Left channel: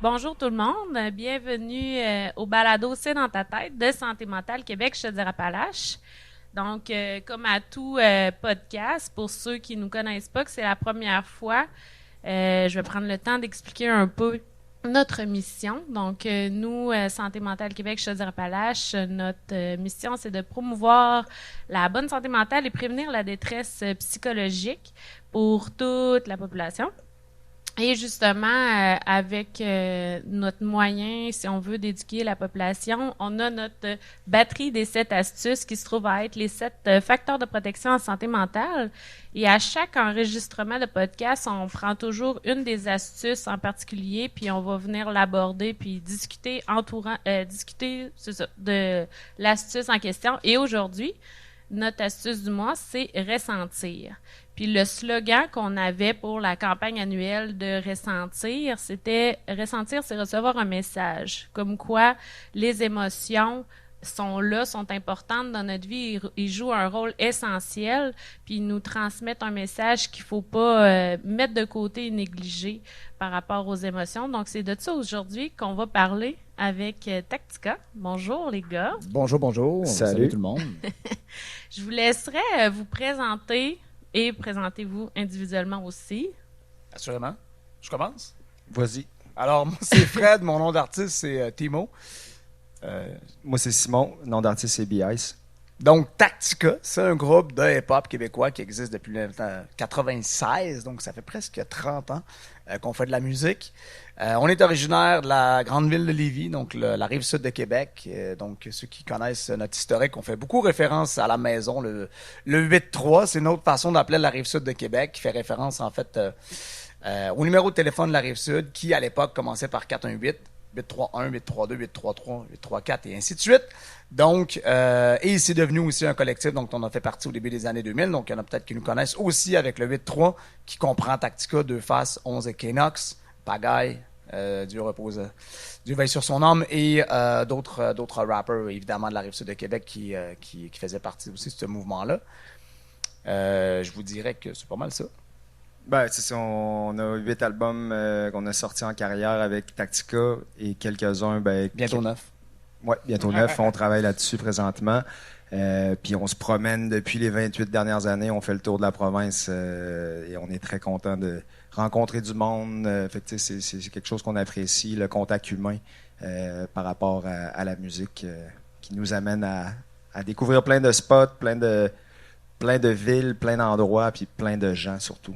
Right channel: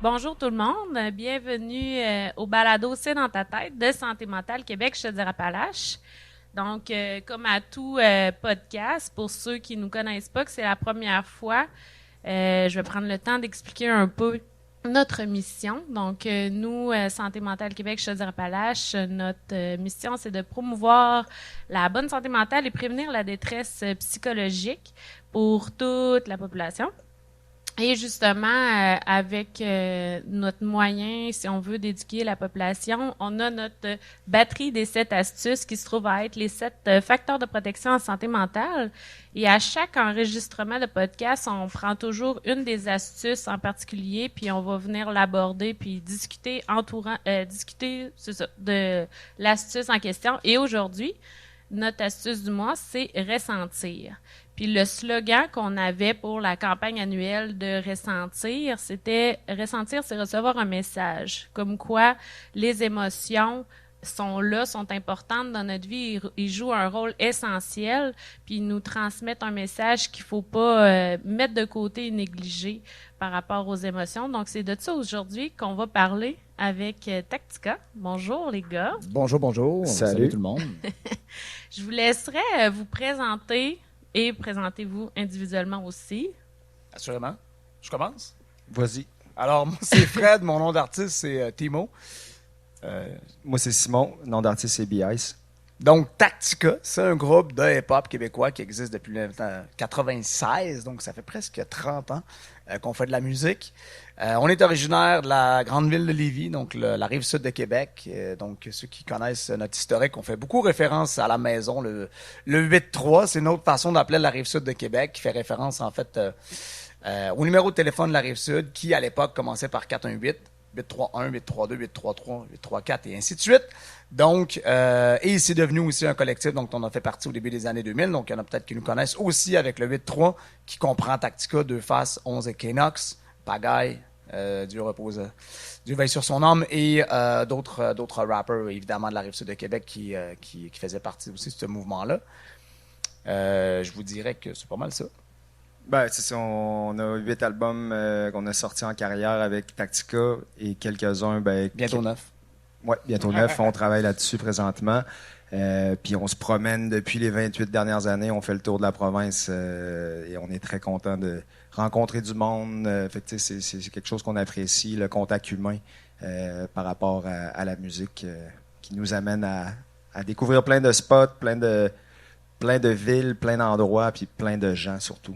Bonjour tout le monde, bienvenue au balado C'est dans ta tête de Santé mentale Québec, Chaudière-Appalaches. Donc, comme à tout podcast, pour ceux qui ne nous connaissent pas, que c'est la première fois, je vais prendre le temps d'expliquer un peu notre mission. Donc, nous, Santé mentale Québec, Chaudière-Appalaches, notre mission, c'est de promouvoir la bonne santé mentale et prévenir la détresse psychologique pour toute la population. Et justement, avec notre moyen, si on veut, d'éduquer la population, on a notre batterie des 7 astuces qui se trouve à être les 7 facteurs de protection en santé mentale. Et à chaque enregistrement de podcast, on prend toujours une des astuces en particulier, puis on va venir l'aborder, puis discuter c'est ça, de l'astuce en question. Et aujourd'hui, notre astuce du mois, c'est ressentir. Puis le slogan qu'on avait pour la campagne annuelle de Ressentir, c'était Ressentir, c'est recevoir un message. Comme quoi les émotions sont là, sont importantes dans notre vie, ils jouent un rôle essentiel, puis ils nous transmettent un message qu'il ne faut pas mettre de côté et négliger par rapport aux émotions. Donc c'est de ça aujourd'hui qu'on va parler avec Tactica. Bonjour les gars. Bonjour, bonjour. Salut Salut. tout le monde. Je vous laisserai vous présenter et présentez-vous individuellement aussi. Assurément. Je commence. Vas-y. Alors, moi, c'est Fred. Mon nom d'artiste, c'est Timo. Moi, c'est Simon. Nom d'artiste, c'est B-Ice. Donc, Tactica, c'est un groupe de hip-hop québécois qui existe depuis 1996. Donc, ça fait presque 30 ans qu'on fait de la musique. On est originaire de la grande ville de Lévis, donc la rive sud de Québec. Donc, ceux qui connaissent notre historique, on fait beaucoup référence à la maison. Le 8-3, c'est une autre façon d'appeler la rive sud de Québec, qui fait référence, en fait, au numéro de téléphone de la rive sud, qui, à l'époque, commençait par 418. 831, 832, 833, 834 et ainsi de suite. Donc, et c'est devenu aussi un collectif dont on a fait partie au début des années 2000. Donc, il y en a peut-être qui nous connaissent aussi avec le 8-3 qui comprend Tactica, Deux Faces, 11 Equinox, Pagaille, Dieu repose, Dieu veille sur son âme et d'autres rappers évidemment de la Rive-Sud de Québec qui faisaient partie aussi de ce mouvement-là. Je vous dirais que c'est pas mal ça. Ben, c'est ça, on a 8 albums qu'on a sortis en carrière avec Tactica et quelques-uns, Bientôt 9. Ouais, bientôt 9. On travaille là-dessus présentement. Puis on se promène depuis les 28 dernières années. On fait le tour de la province et on est très content de rencontrer du monde. Fait que, tu sais, c'est quelque chose qu'on apprécie, le contact humain par rapport à la musique qui nous amène à découvrir plein de spots, plein de villes, plein d'endroits, puis plein de gens surtout.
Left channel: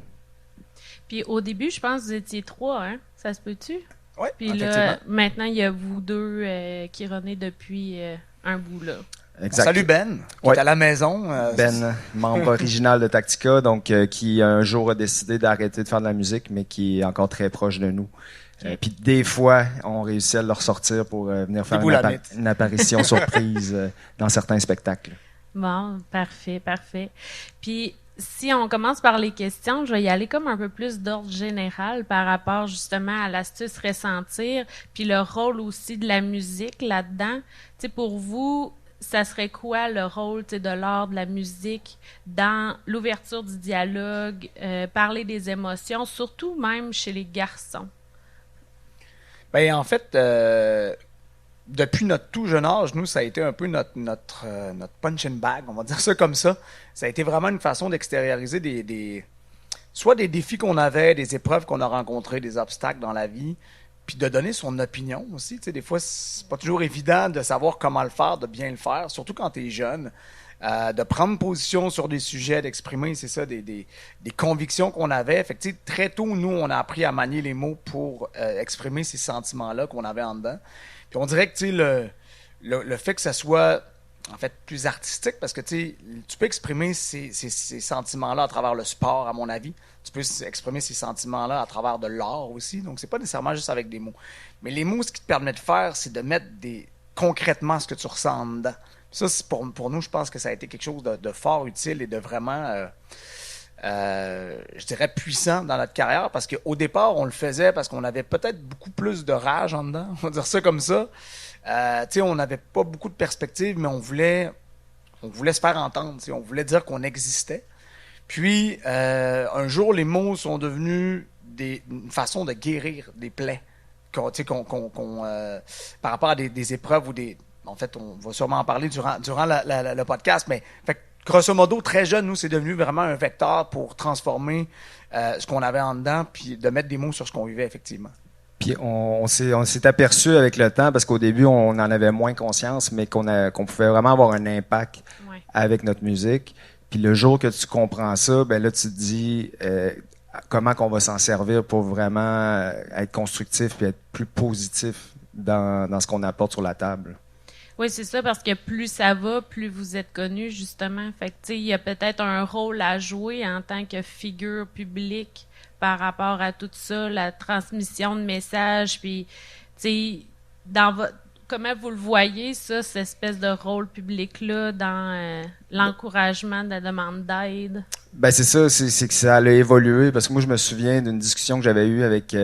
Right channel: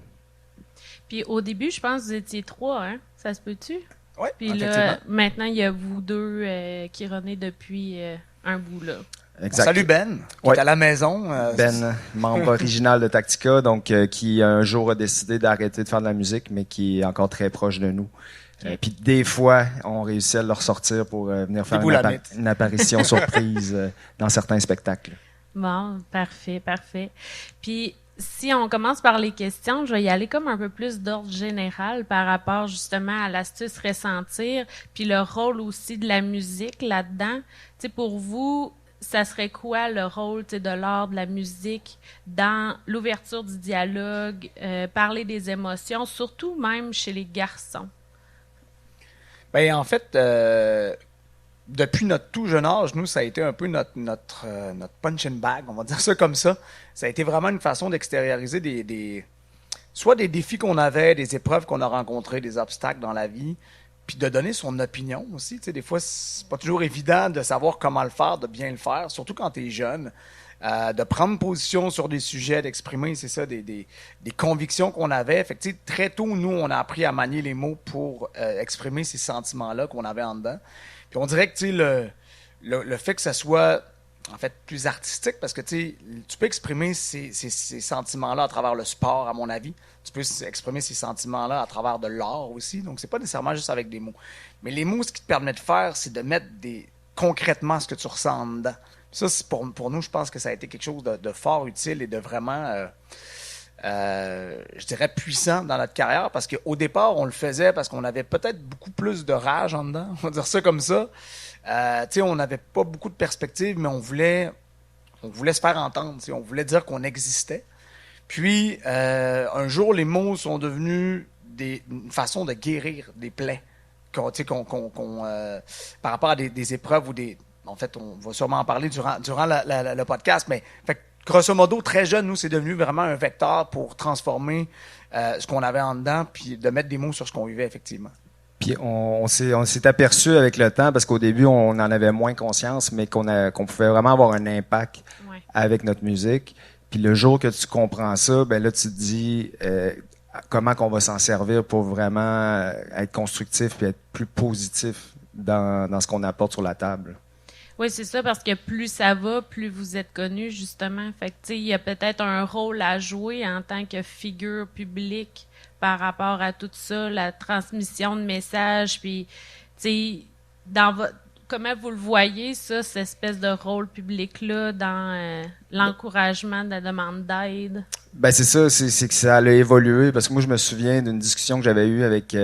Puis au début, je pense que vous étiez 3, hein? Ça se peut-tu? Oui, Puis effectivement. là, maintenant, il y a vous deux qui renaissez depuis un bout, là. Exact. Salut Ben, qui Ouais. est à la maison. Ben, membre original de Tactica, donc qui un jour a décidé d'arrêter de faire de la musique, mais qui est encore très proche de nous. Puis des fois, on réussit à le ressortir pour venir faire Boulamite. une apparition surprise dans certains spectacles. Bon, parfait, parfait. Puis si on commence par les questions, je vais y aller comme un peu plus d'ordre général par rapport justement à l'astuce ressentir, puis le rôle aussi de la musique là-dedans. Tu sais, pour vous, ça serait quoi le rôle, tu sais, de l'art, de la musique dans l'ouverture du dialogue, parler des émotions, surtout même chez les garçons? Ben, en fait, depuis notre tout jeune âge, nous, ça a été un peu notre punching bag, on va dire ça comme ça. Ça a été vraiment une façon d'extérioriser soit des défis qu'on avait, des épreuves qu'on a rencontrées, des obstacles dans la vie, puis de donner son opinion aussi. Tu sais, des fois, c'est pas toujours évident de savoir comment le faire, de bien le faire, surtout quand tu es jeune. De prendre position sur des sujets, d'exprimer, c'est ça, des convictions qu'on avait. Fait que, tu sais, très tôt, nous, on a appris à manier les mots pour exprimer ces sentiments-là qu'on avait en dedans. Puis on dirait que, tu sais, le fait que ça soit, en fait, plus artistique, parce que, tu sais, tu peux exprimer ces sentiments-là à travers le sport, à mon avis. Tu peux exprimer ces sentiments-là à travers de l'art aussi. Donc, c'est pas nécessairement juste avec des mots. Mais les mots, ce qui te permet de faire, c'est de mettre concrètement ce que tu ressens en dedans. Ça, c'est pour nous, je pense que ça a été quelque chose de fort utile et de vraiment, je dirais, puissant dans notre carrière parce qu'au départ, on le faisait parce qu'on avait peut-être beaucoup plus de rage en dedans, on va dire ça comme ça. Tu sais, on n'avait pas beaucoup de perspectives, mais on voulait se faire entendre, tu sais, on voulait dire qu'on existait. Puis, un jour, les mots sont devenus une façon de guérir des plaies par rapport à des épreuves ou des... En fait, on va sûrement en parler durant le podcast, mais fait, grosso modo, très jeune, nous, c'est devenu vraiment un vecteur pour transformer ce qu'on avait en dedans, puis de mettre des mots sur ce qu'on vivait, effectivement. Puis on s'est aperçu avec le temps, parce qu'au début, on en avait moins conscience, mais qu'on pouvait vraiment avoir un impact avec notre musique. Puis le jour que tu comprends ça, ben là, tu te dis comment qu'on va s'en servir pour vraiment être constructif et être plus positif dans ce qu'on apporte sur la table. Oui, c'est ça, parce que plus ça va, plus vous êtes connu, justement. Fait que, tu sais, il y a peut-être un rôle à jouer en tant que figure publique par rapport à tout ça, la transmission de messages, puis, tu sais, comment vous le voyez, ça, cette espèce de rôle public-là, dans l'encouragement de la demande d'aide? Ben c'est ça, c'est que ça a évolué, parce que moi, je me souviens d'une discussion que j'avais eue avec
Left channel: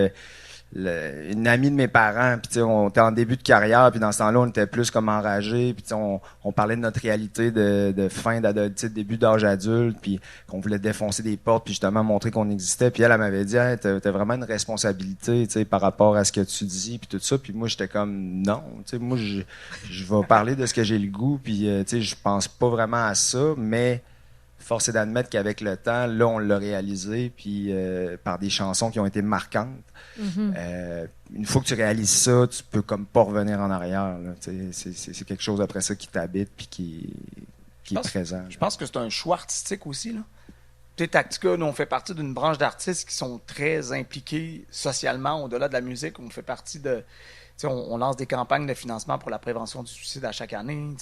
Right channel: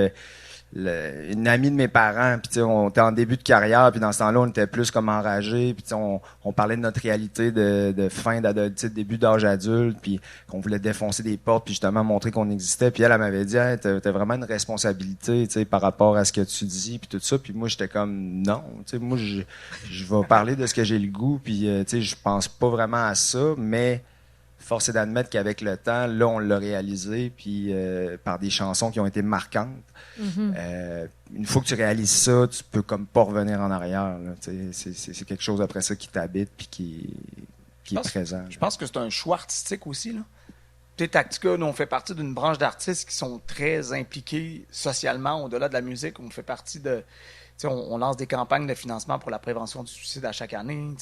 une amie de mes parents, puis tu sais, on était en début de carrière, puis dans ce temps-là, on était plus comme enragés, puis tu sais, on parlait de notre réalité de fin d'adolescence, début d'âge adulte, puis qu'on voulait défoncer des portes, puis justement montrer qu'on existait, puis elle m'avait dit, hey, t'as vraiment une responsabilité, tu sais, par rapport à ce que tu dis, puis tout ça, puis moi, j'étais comme, non, tu sais, moi, je vais parler de ce que j'ai le goût, puis tu sais, je pense pas vraiment à ça, mais force est d'admettre qu'avec le temps, là, on l'a réalisé, puis par des chansons qui ont été marquantes. Une fois que tu réalises ça, tu peux comme pas revenir en arrière. C'est quelque chose après ça qui t'habite puis qui est présent. Je pense que c'est un choix artistique aussi. Là. Tu sais, Tactica, nous, on fait partie d'une branche d'artistes qui sont très impliqués socialement, au-delà de la musique. On fait partie de... On lance des campagnes de financement pour la prévention du suicide à chaque année.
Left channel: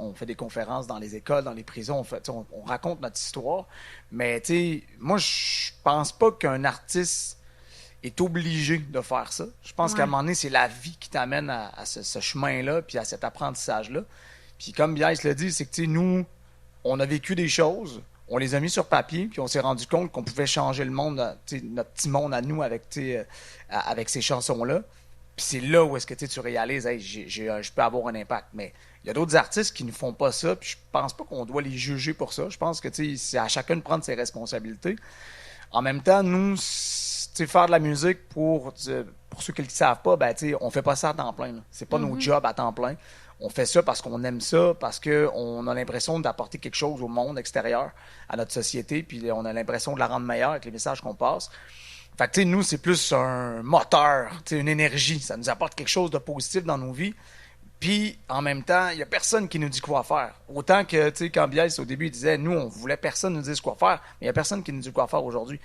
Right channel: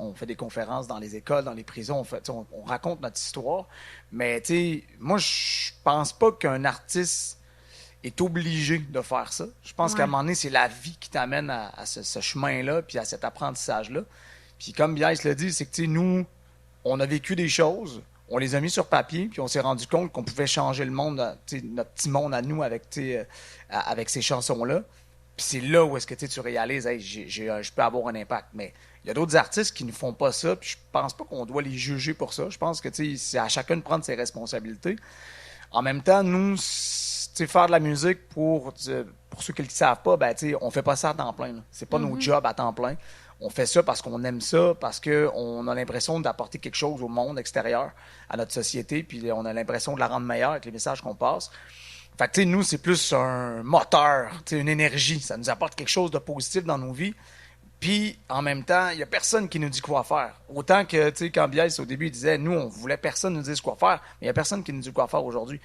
On fait des conférences dans les écoles, dans les prisons. On raconte notre histoire. Mais moi, je pense pas qu'un artiste est obligé de faire ça. Je pense qu'à un moment donné, c'est la vie qui t'amène à ce chemin-là puis à cet apprentissage-là. Puis comme Biaïs l'a dit, c'est que nous, on a vécu des choses, on les a mis sur papier, puis on s'est rendu compte qu'on pouvait changer le monde, notre petit monde à nous avec ces chansons-là. Puis c'est là où est-ce que tu réalises, hey, je peux avoir un impact. Mais il y a d'autres artistes qui ne font pas ça, puis je pense pas qu'on doit les juger pour ça. Je pense que c'est à chacun de prendre ses responsabilités. En même temps, nous, faire de la musique, pour ceux qui ne le savent pas, ben, on fait pas ça à temps plein. Là. C'est pas nos jobs à temps plein. On fait ça parce qu'on aime ça, parce qu'on a l'impression d'apporter quelque chose au monde extérieur, à notre société, puis on a l'impression de la rendre meilleure avec les messages qu'on passe. Fait que, nous, c'est plus un moteur, une énergie. Ça nous apporte quelque chose de positif dans nos vies. Puis, en même temps, il n'y a personne qui nous dit quoi faire. Autant que, quand Biaïs, au début, il disait, nous, on voulait personne nous dise quoi faire, mais il n'y a personne qui nous dit quoi faire aujourd'hui.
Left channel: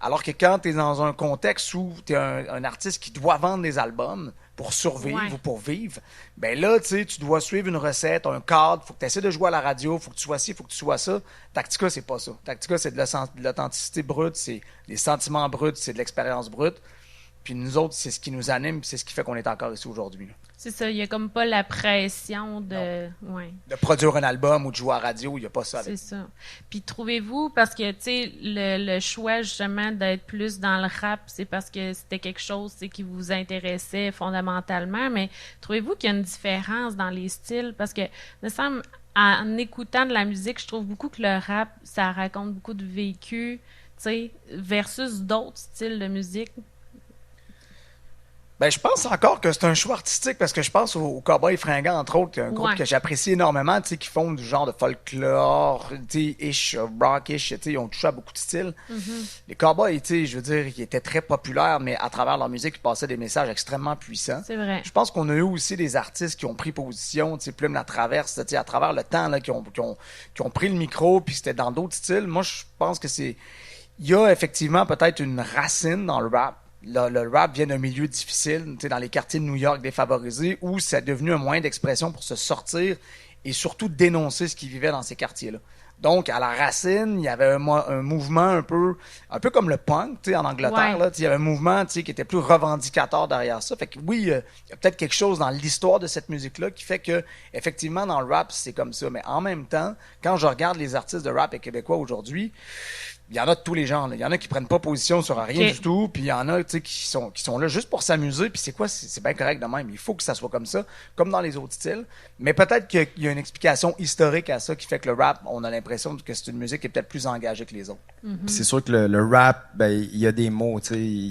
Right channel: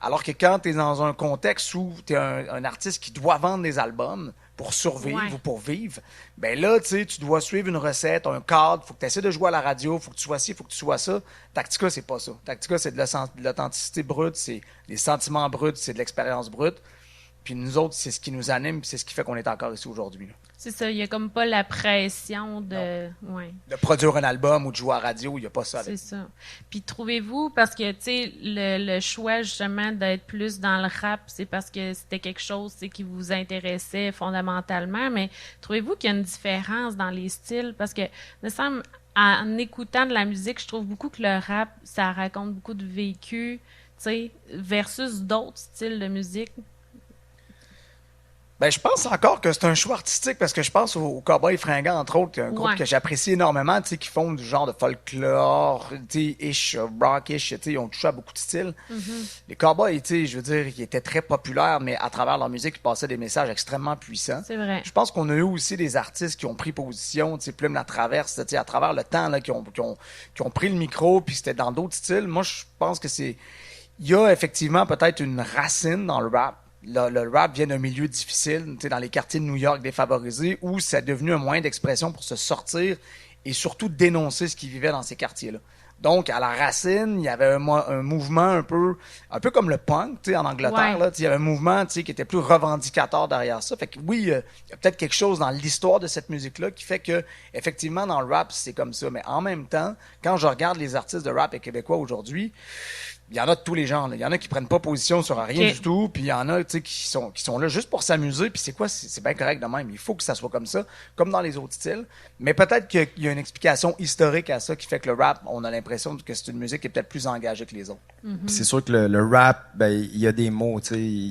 Alors que quand tu es dans un contexte où tu es un artiste qui doit vendre des albums pour survivre ou pour vivre, ben là, tu dois suivre une recette, un cadre, il faut que tu essaies de jouer à la radio, il faut que tu sois ci, il faut que tu sois ça. Tactica, c'est pas ça. Tactica, c'est de l'authenticité brute, c'est des sentiments bruts, c'est de l'expérience brute. Puis nous autres, c'est ce qui nous anime, puis c'est ce qui fait qu'on est encore ici aujourd'hui. Là. C'est ça, il n'y a comme pas la pression de... de produire un album ou de jouer à la radio, il n'y a pas ça. C'est ça. Puis trouvez-vous, parce que, tu sais, le choix, justement, d'être plus dans le rap, c'est parce que c'était quelque chose qui vous intéressait fondamentalement, mais trouvez-vous qu'il y a une différence dans les styles? Parce que, il me semble, en écoutant de la musique, je trouve beaucoup que le rap, ça raconte beaucoup de vécu, tu sais, versus d'autres styles de musique. Ben, je pense encore que c'est un choix artistique parce que je pense aux Cowboys Fringants, entre autres, un groupe que j'apprécie énormément, qui font du genre de folklore, ish, rock-ish, ils ont touché à beaucoup de styles. Les Cowboys, je veux dire, ils étaient très populaires, mais à travers leur musique, ils passaient des messages extrêmement puissants. C'est vrai. Je pense qu'on a eu aussi des artistes qui ont pris position, Plume la Traverse, à travers le temps, là, qui ont pris le micro, puis c'était dans d'autres styles. Moi, je pense que il y a effectivement peut-être une racine dans le rap. Le rap vient d'un milieu difficile, dans les quartiers de New York défavorisés, où c'est devenu un moyen d'expression pour se sortir et surtout dénoncer ce qu'ils vivaient dans ces quartiers-là. Donc, à la racine, il y avait un mouvement un peu comme le punk en Angleterre. Là, il y avait un mouvement qui était plus revendicateur derrière ça. Fait que oui, il y a peut-être quelque chose dans l'histoire de cette musique-là qui fait que, effectivement, dans le rap, c'est comme ça. Mais en même temps, quand je regarde les artistes de rap québécois aujourd'hui, il y en a de tous les genres. Il y en a qui prennent pas position sur rien du tout, puis il y en a qui sont là juste pour s'amuser, puis c'est quoi? C'est bien correct de même. Il faut que ça soit comme ça, comme dans les autres styles. Mais peut-être qu'il y a une explication historique à ça qui fait que le rap, on a l'impression l'impression que c'est une musique qui est peut-être plus engagée que les autres. C'est sûr que le rap, ben, il y a des mots.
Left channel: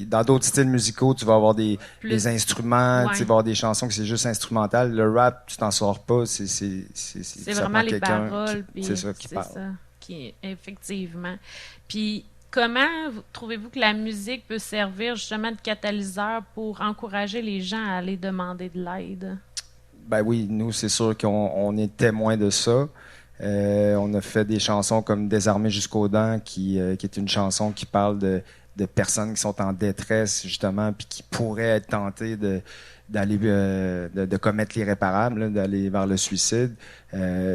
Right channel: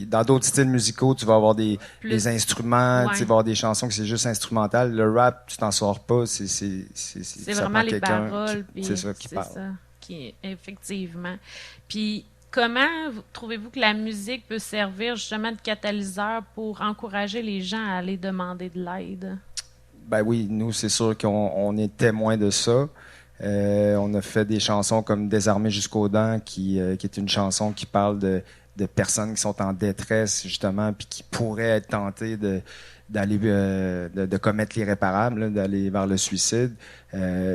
Dans d'autres styles musicaux, tu vas avoir des instruments, tu vas avoir des chansons que c'est juste instrumental. Le rap, tu t'en sors pas. C'est vraiment les paroles. C'est ça qui parle. Ça, effectivement. Puis, comment trouvez-vous que la musique peut servir justement de catalyseur pour encourager les gens à aller demander de l'aide? Ben oui, nous, c'est sûr qu'on est témoins de ça. On a fait des chansons comme Désarmé jusqu'aux dents, qui est une chanson qui parle de personnes qui sont en détresse, justement, puis qui pourraient être tentées d'aller de commettre l'irréparable, d'aller vers le suicide.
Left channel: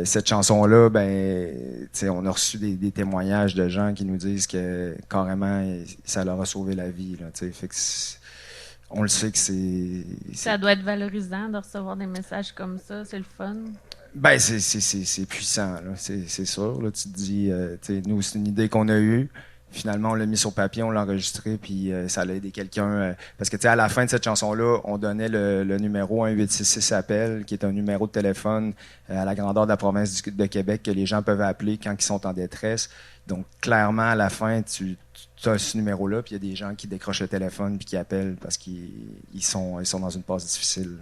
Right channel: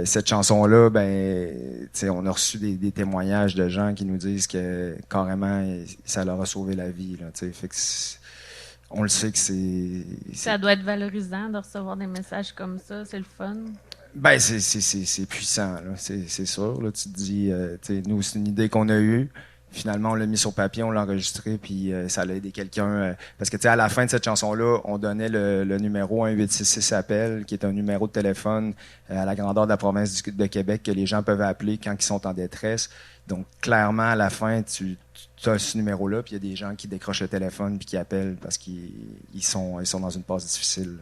Cette chanson-là, ben, on a reçu des témoignages de gens qui nous disent que carrément, ça leur a sauvé la vie. Là, fait que on le sait que ça doit être valorisant de recevoir des messages comme ça, c'est le fun. Ben, c'est puissant, là. C'est sûr. Là, tu te dis, nous, c'est une idée qu'on a eue. Finalement, on l'a mis sur papier, on l'a enregistré, puis ça allait aider quelqu'un. Parce que, à la fin de cette chanson-là, on donnait le numéro 1866-APPEL, qui est un numéro de téléphone à la grandeur de la province de Québec que les gens peuvent appeler quand ils sont en détresse. Donc, clairement, à la fin, tu as ce numéro-là, puis il y a des gens qui décrochent le téléphone puis qui appellent parce qu'ils sont dans une passe difficile.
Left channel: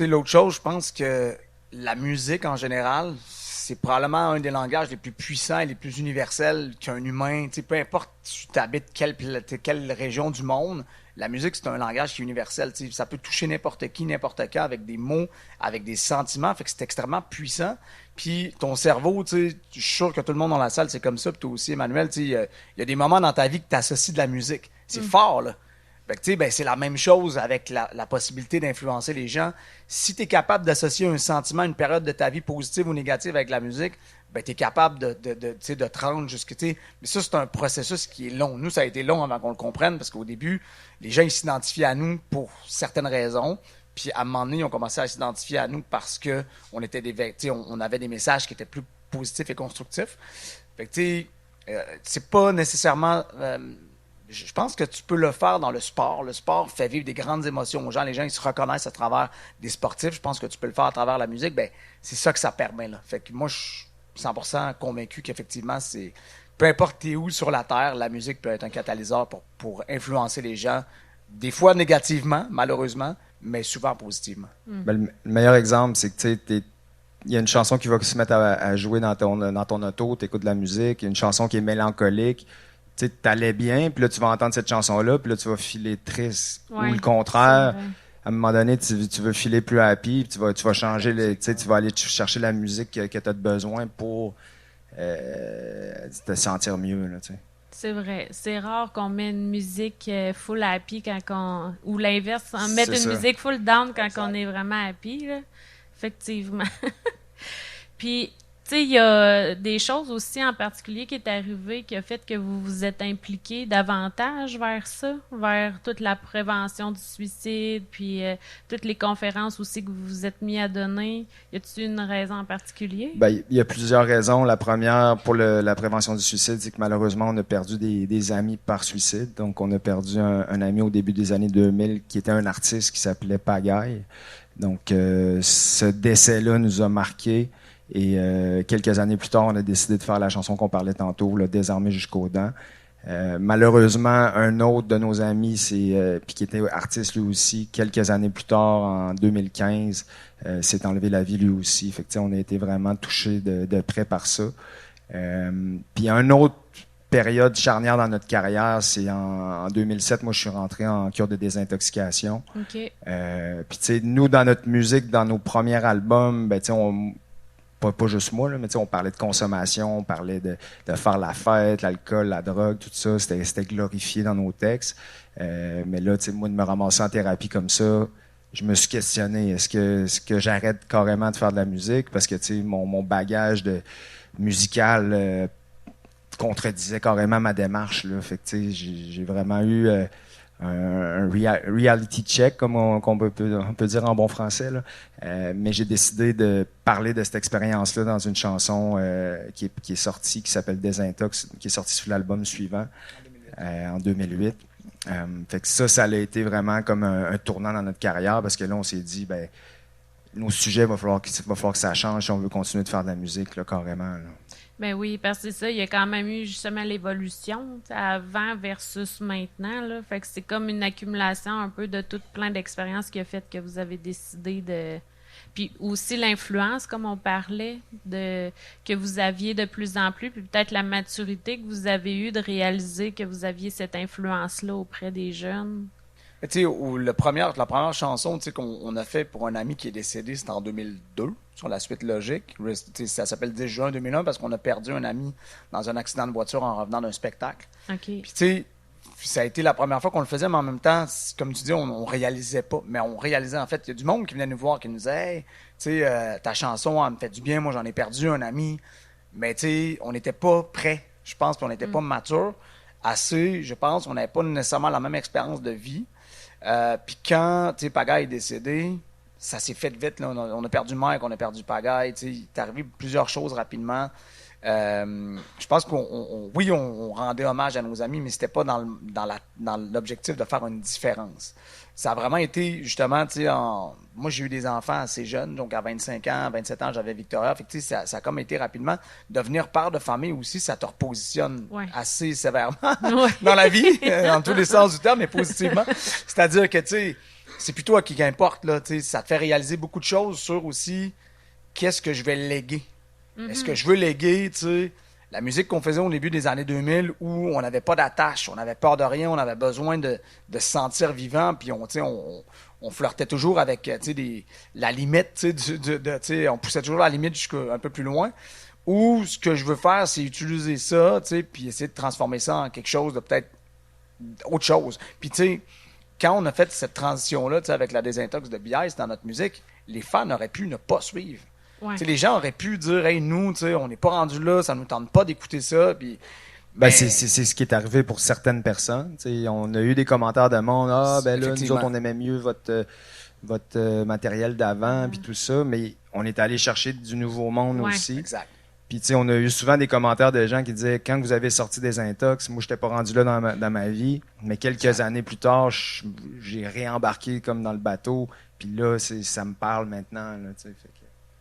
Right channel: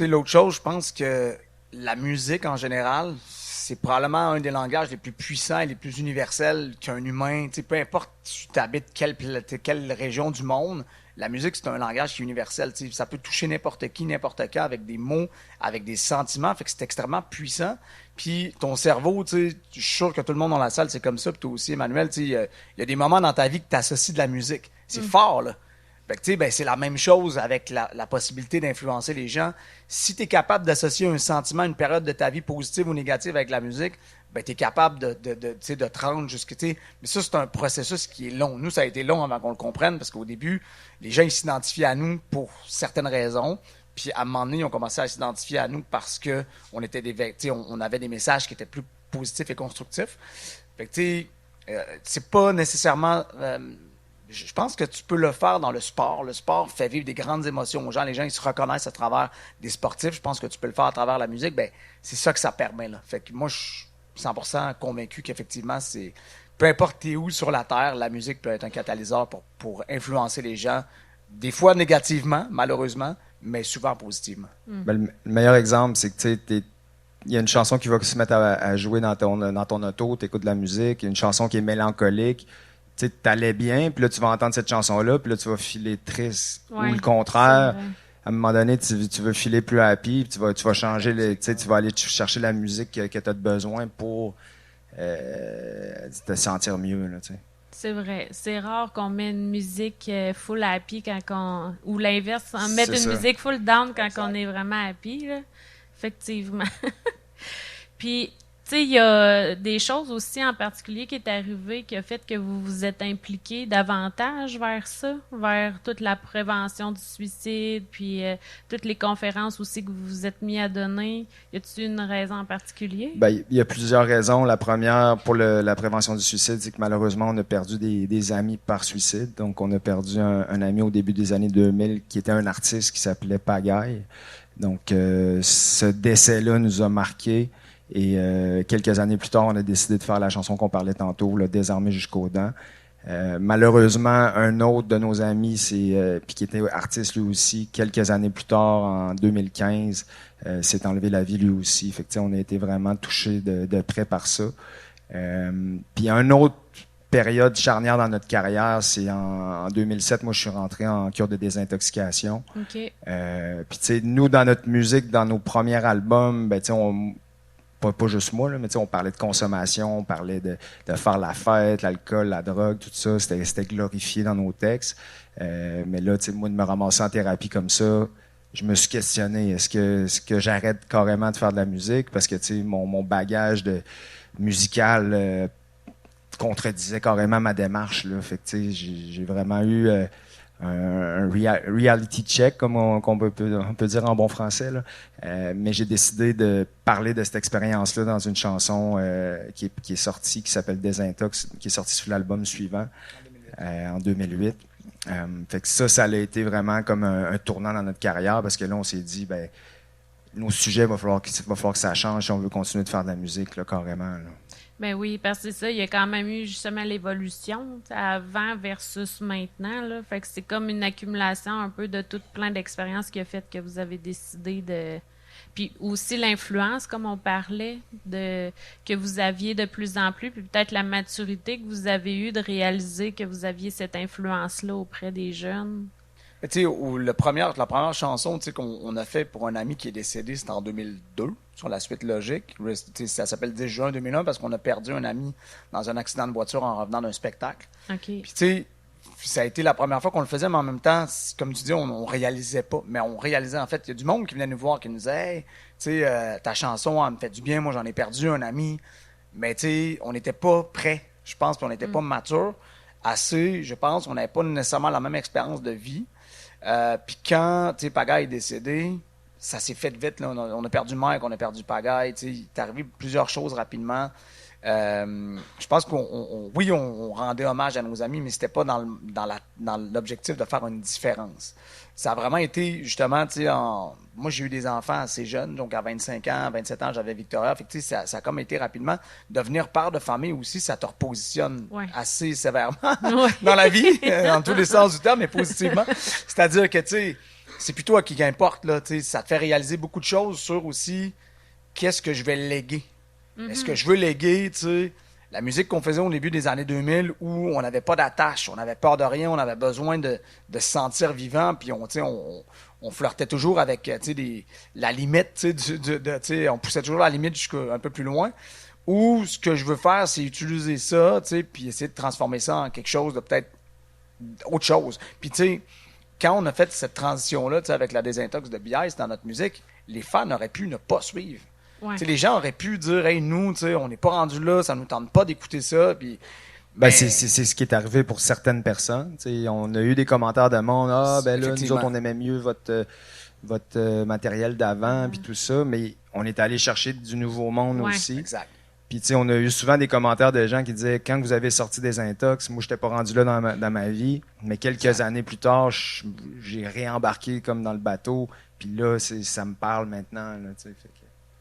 L'autre chose, je pense que la musique, en général, c'est probablement un des langages les plus puissants et les plus universels qu'un humain. Peu importe tu habites quelle région du monde, la musique, c'est un langage qui est universel. Ça peut toucher n'importe qui, n'importe quand, avec des mots, avec des sentiments. Fait que c'est extrêmement puissant. Puis ton cerveau, je suis sûr que tout le monde dans la salle, c'est comme ça. Puis toi aussi, Emmanuel, il y a des moments dans ta vie que tu associes de la musique. C'est fort, là. Fait que, ben, c'est la même chose avec la possibilité d'influencer les gens. Si tu es capable d'associer un sentiment, une période de ta vie positive ou négative avec la musique, ben, tu es capable de te rendre jusqu'à... Mais ça, c'est un processus qui est long. Nous, ça a été long avant qu'on le comprenne, parce qu'au début, les gens ils s'identifiaient à nous pour certaines raisons. Puis à un moment donné, ils ont commencé à s'identifier à nous parce que on avait des messages qui étaient plus positifs et constructifs. Fait que, c'est pas nécessairement... je pense que tu peux le faire dans le sport. Le sport fait vivre des grandes émotions aux gens. Les gens, ils se reconnaissent à travers des sportifs. Je pense que tu peux le faire à travers la musique. Ben, c'est ça que ça permet, là. Fait que moi, je suis 100% convaincu qu'effectivement, c'est... Peu importe t'es où sur la Terre, la musique peut être un catalyseur pour influencer les gens. Des fois négativement, malheureusement, mais souvent positivement. Ben, le meilleur exemple, c'est que il y a une chanson qui va se mettre à jouer dans ton auto, tu écoutes de la musique, il y a une chanson qui est mélancolique. Tu allais bien, puis là, tu vas entendre cette chanson-là, puis là, tu vas filer triste. Ou le contraire, à un moment donné, tu veux filer plus happy, puis tu vas changer, tu vas aller chercher la musique que tu as besoin pour te sentir mieux. Là, c'est vrai. C'est rare qu'on met une musique full happy ou l'inverse, mettre une musique full down quand on est vraiment happy. Là. Effectivement. Puis, tu sais, il y a des choses aussi en particulier qui est arrivé qui a fait que vous vous êtes impliqué davantage vers ça, vers toute la prévention du suicide, puis toutes les conférences aussi que vous vous êtes mis à donner. Y a-t-il une raison en particulier? Ben, il y a plusieurs raisons. La première, pour la prévention du suicide, c'est que malheureusement, on a perdu des amis par suicide. Donc, on a perdu un ami au début des années 2000 qui était un artiste qui s'appelait Pagaille. Donc, ce décès-là nous a marqués. Et quelques années plus tard, on a décidé de faire la chanson qu'on parlait tantôt, le Désarmé jusqu'aux dents. Malheureusement, un autre de nos amis, puis qui était artiste lui aussi, quelques années plus tard, en 2015, s'est enlevé la vie lui aussi. Fait que, on a été vraiment touchés de près par ça. Puis une autre période charnière dans notre carrière, c'est en 2007, moi je suis rentré en cure de désintoxication. Okay. Puis tu sais, nous, dans notre musique, dans nos premiers albums, ben, tu sais, pas juste moi, là, mais on parlait de consommation, on parlait de faire la fête, l'alcool, la drogue, tout ça, c'était glorifié dans nos textes. Mais là, moi, de me ramasser en thérapie comme ça, je me suis questionné, est-ce que j'arrête carrément de faire de la musique? Parce que mon bagage musical contredisait carrément ma démarche. Là. Fait que j'ai vraiment eu un reality check, comme on peut dire en bon français. Là. Mais j'ai décidé de parler de cette expérience-là dans une chanson qui est sortie, qui s'appelle Désintox, qui est sortie sur l'album suivant, en 2008. Fait que ça a été vraiment comme un tournant dans notre carrière, parce que là, on s'est dit, ben, nos sujets, il va falloir que ça change si on veut continuer de faire de la musique, là, carrément. Là. Ben oui, parce que c'est ça, il y a quand même eu justement l'évolution, tu sais, avant versus maintenant, là. Fait que c'est comme une accumulation un peu de tout plein d'expériences qui a fait que vous avez décidé de... Puis aussi l'influence, comme on parlait, de que vous aviez de plus en plus, puis peut-être la maturité que vous avez eue de réaliser que vous aviez cette influence-là auprès des jeunes. Mais tu sais, la première chanson tu sais, qu'on a fait pour un ami qui est décédé, c'était en 2002, sur la suite logique. Tu sais, ça s'appelle 10 juin 2001 parce qu'on a perdu un ami dans un accident de voiture en revenant d'un spectacle. OK. Puis tu sais, ça a été la première fois qu'on le faisait, mais en même temps, comme tu dis, on réalisait pas. Mais on réalisait, en fait, il y a du monde qui venait nous voir, qui nous disait, hey, tu sais, ta chanson, elle me fait du bien, moi j'en ai perdu un ami. Mais tu sais, on n'était pas prêts, je pense, puis on n'était pas mature assez, je pense, on n'avait pas nécessairement la même expérience de vie. Puis quand Pagaille est décédé, ça s'est fait vite. Là. On a perdu Mike, on a perdu Pagaille. Il est arrivé plusieurs choses rapidement. Je pense oui, on rendait hommage à nos amis, mais c'était pas dans l'objectif de faire une différence. Ça a vraiment été justement, moi j'ai eu des enfants assez jeunes, donc à 25 ans, 27 ans, j'avais Victoria. Fait que, ça a comme été rapidement. Devenir père de famille aussi, ça te repositionne assez sévèrement dans la vie, dans tous les sens du terme, mais positivement. C'est-à-dire que c'est plus toi qui importe, là, ça te fait réaliser beaucoup de choses sur aussi qu'est-ce que je vais léguer. Est-ce que je veux léguer, la musique qu'on faisait au début des années 2000 où on n'avait pas d'attache, on n'avait peur de rien, on avait besoin de se sentir vivant, puis on flirtait toujours avec la limite, on poussait toujours la limite jusqu'à un peu plus loin. Ou ce que je veux faire, c'est utiliser ça, puis essayer de transformer ça en quelque chose de peut-être autre chose. Puis quand on a fait cette transition-là avec la désintox de BIS dans notre musique, les fans auraient pu ne pas suivre. Ouais. Les gens auraient pu dire, hey, nous, on n'est pas rendu là, ça ne nous tente pas d'écouter ça. Puis, c'est ce qui est arrivé pour certaines personnes. On a eu des commentaires de monde, là, nous autres, on aimait mieux votre matériel d'avant, puis tout ça, mais on est allé chercher du nouveau monde aussi. Exact. Puis, on a eu souvent des commentaires de gens qui disaient, quand vous avez sorti des intox, moi, je n'étais pas rendu là dans ma vie, mais quelques années plus tard, j'ai réembarqué comme dans le bateau, puis là, ça me parle maintenant. Là,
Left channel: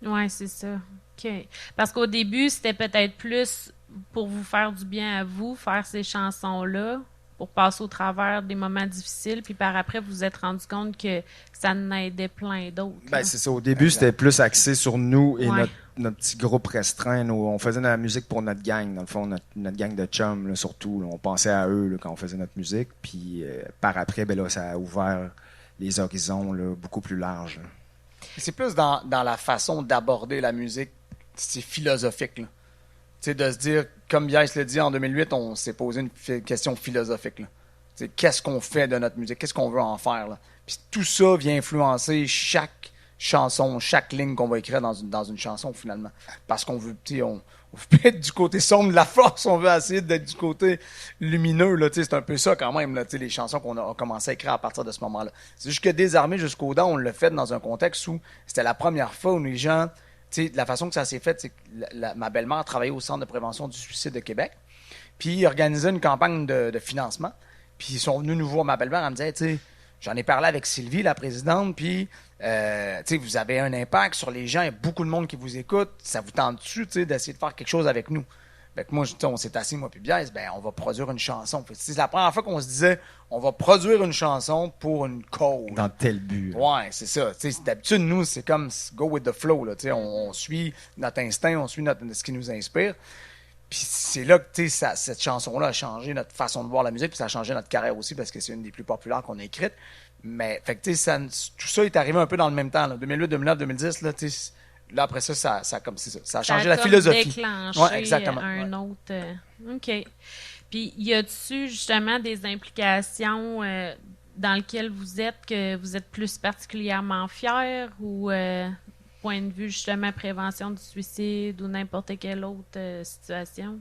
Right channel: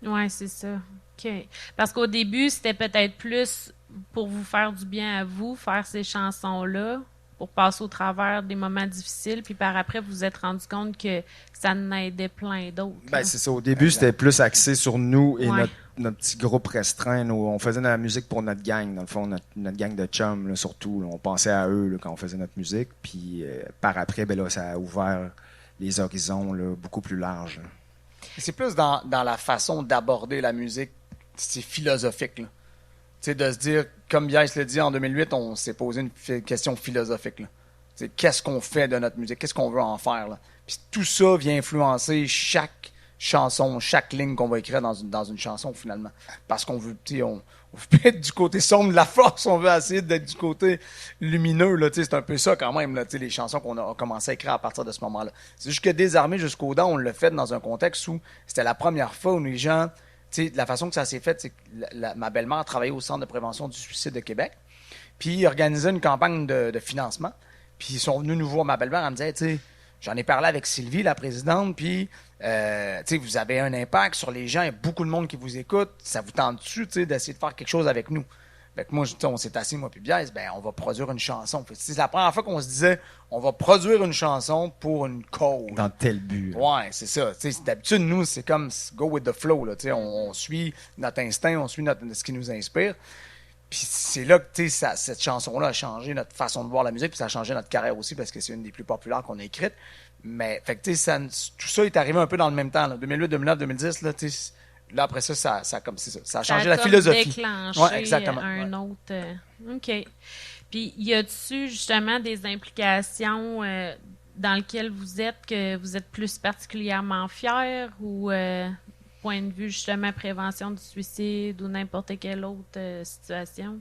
Oui, c'est ça. OK. Parce qu'au début, c'était peut-être plus pour vous faire du bien à vous, faire ces chansons-là, pour passer au travers des moments difficiles, puis par après, vous vous êtes rendu compte que ça en aidait plein d'autres. C'est ça. Au début, c'était plus axé sur nous et notre petit groupe restreint. On faisait de la musique pour notre gang, dans le fond, notre gang de chums, là, surtout. Là, on pensait à eux là, quand on faisait notre musique. Puis par après, ça a ouvert les horizons là, beaucoup plus larges. Là. C'est plus dans la façon d'aborder la musique, c'est philosophique. Là. De se dire, comme Bias l'a dit en 2008, on s'est posé une question philosophique. Là. Qu'est-ce qu'on fait de notre musique? Qu'est-ce qu'on veut en faire? Là? Puis tout ça vient influencer chaque chanson, chaque ligne qu'on va écrire dans une chanson, finalement. Parce qu'on veut, on veut être du côté sombre de la force, on veut essayer d'être du côté lumineux. Là, c'est un peu ça quand même, là, les chansons qu'on a commencé à écrire à partir de ce moment-là. C'est juste que Désarmé jusqu'aux dents, on l'a fait dans un contexte où c'était la première fois où les gens, la façon que ça s'est fait, c'est que ma belle-mère travaillait au Centre de prévention du suicide de Québec, puis ils organisaient une campagne de financement, puis ils sont venus nous voir, ma belle-mère, elle me disait, j'en ai parlé avec Sylvie, la présidente, puis vous avez un impact sur les gens, il y a beaucoup de monde qui vous écoute, ça vous tente-tu d'essayer de faire quelque chose avec nous? Fait que moi, on s'est assis, moi puis Bias, on va produire une chanson. C'est la première fois qu'on se disait, on va produire une chanson pour une cause. Dans tel but. Ouais, c'est ça. D'habitude, nous, c'est comme go with the flow. Là, on suit notre instinct, on suit ce qui nous inspire. Puis c'est là que cette chanson-là a changé notre façon de voir la musique, puis ça a changé notre carrière aussi, parce que c'est une des plus populaires qu'on a écrites. Mais fait que, tout ça est arrivé un peu dans le même temps. Là. 2008, 2009, 2010, là, après ça, ça a changé la philosophie. Déclenché exactement. Un autre. OK. Puis, y a-tu justement des implications dans lesquelles que vous êtes plus particulièrement fiers ou point de vue justement prévention du suicide ou n'importe quelle autre situation?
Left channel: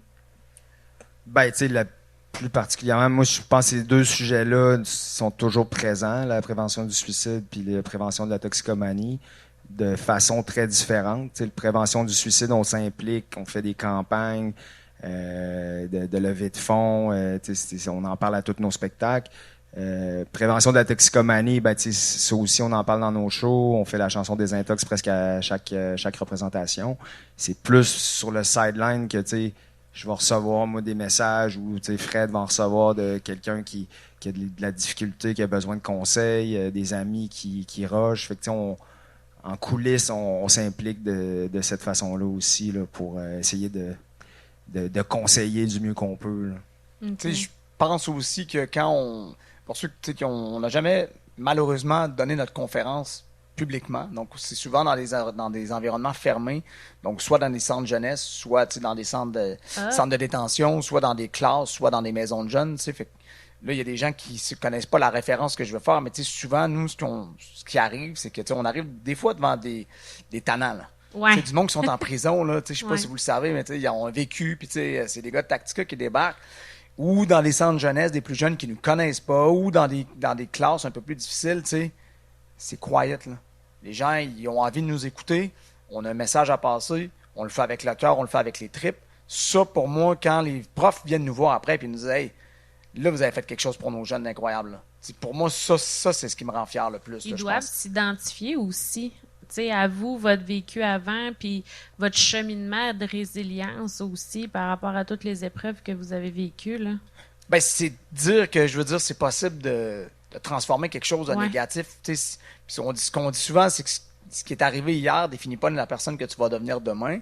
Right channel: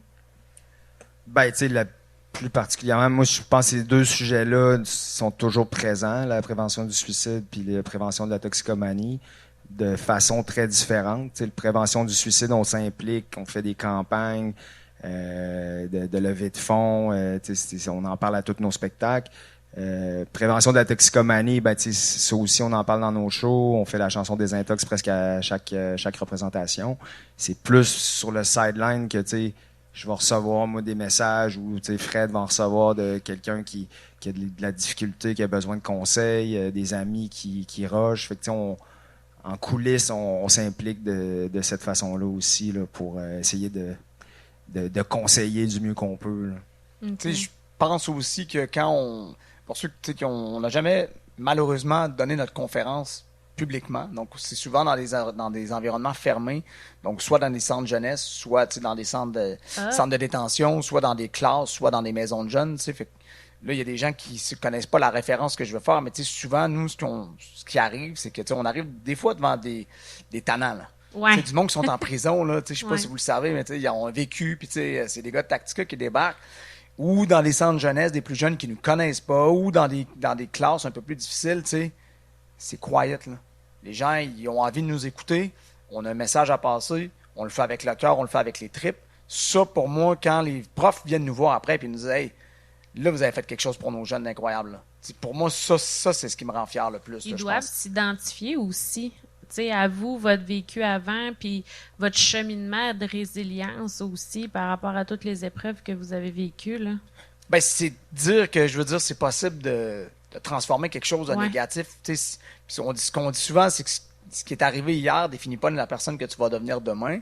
La plus particulièrement, moi, je pense que ces deux sujets-là sont toujours présents, la prévention du suicide puis la prévention de la toxicomanie, de façon très différente. La prévention du suicide, on s'implique, on fait des campagnes de levée de fonds, on en parle à tous nos spectacles. Prévention de la toxicomanie, ben, ça aussi, on en parle dans nos shows. On fait la chanson des intox presque à chaque représentation. C'est plus sur le sideline que, je vais recevoir, moi, des messages ou, Fred va en recevoir de quelqu'un qui a de la difficulté, qui a besoin de conseils, des amis qui rushent. Fait que, en coulisses, on s'implique de cette façon-là aussi, là, pour essayer de conseiller du mieux qu'on peut. Okay. Je pense aussi que pour ceux qui n'a jamais malheureusement donné notre conférence publiquement, donc c'est souvent dans des environnements fermés, donc soit dans des centres jeunesse, soit dans des centres de détention, soit dans des classes, soit dans des maisons de jeunes. Fait que là, il y a des gens qui ne connaissent pas la référence que je veux faire, mais souvent, nous, ce qui arrive, c'est que on arrive des fois devant des tannants. Là. Ouais. Du monde qui sont en prison, je ne sais pas si vous le savez, mais ils ont vécu, puis c'est des gars de Tactica qui débarquent, ou dans les centres jeunesse, des plus jeunes qui ne nous connaissent pas, ou dans des classes un peu plus difficiles, c'est quiet. Là. Les gens, ils ont envie de nous écouter, on a un message à passer, on le fait avec le cœur, on le fait avec les tripes. Ça, pour moi, quand les profs viennent nous voir après et nous disent « Hey, là, vous avez fait quelque chose pour nos jeunes incroyable. » Pour moi, ça c'est ce qui me rend fier le plus. Ils doivent s'identifier aussi. À vous, votre vécu avant, puis votre cheminement de résilience aussi par rapport à toutes les épreuves que vous avez vécues. Là. Ben, c'est dire que, je veux dire, c'est possible de transformer quelque chose de négatif. Ce qu'on dit souvent, c'est que ce qui est arrivé hier définit pas la personne que tu vas devenir demain.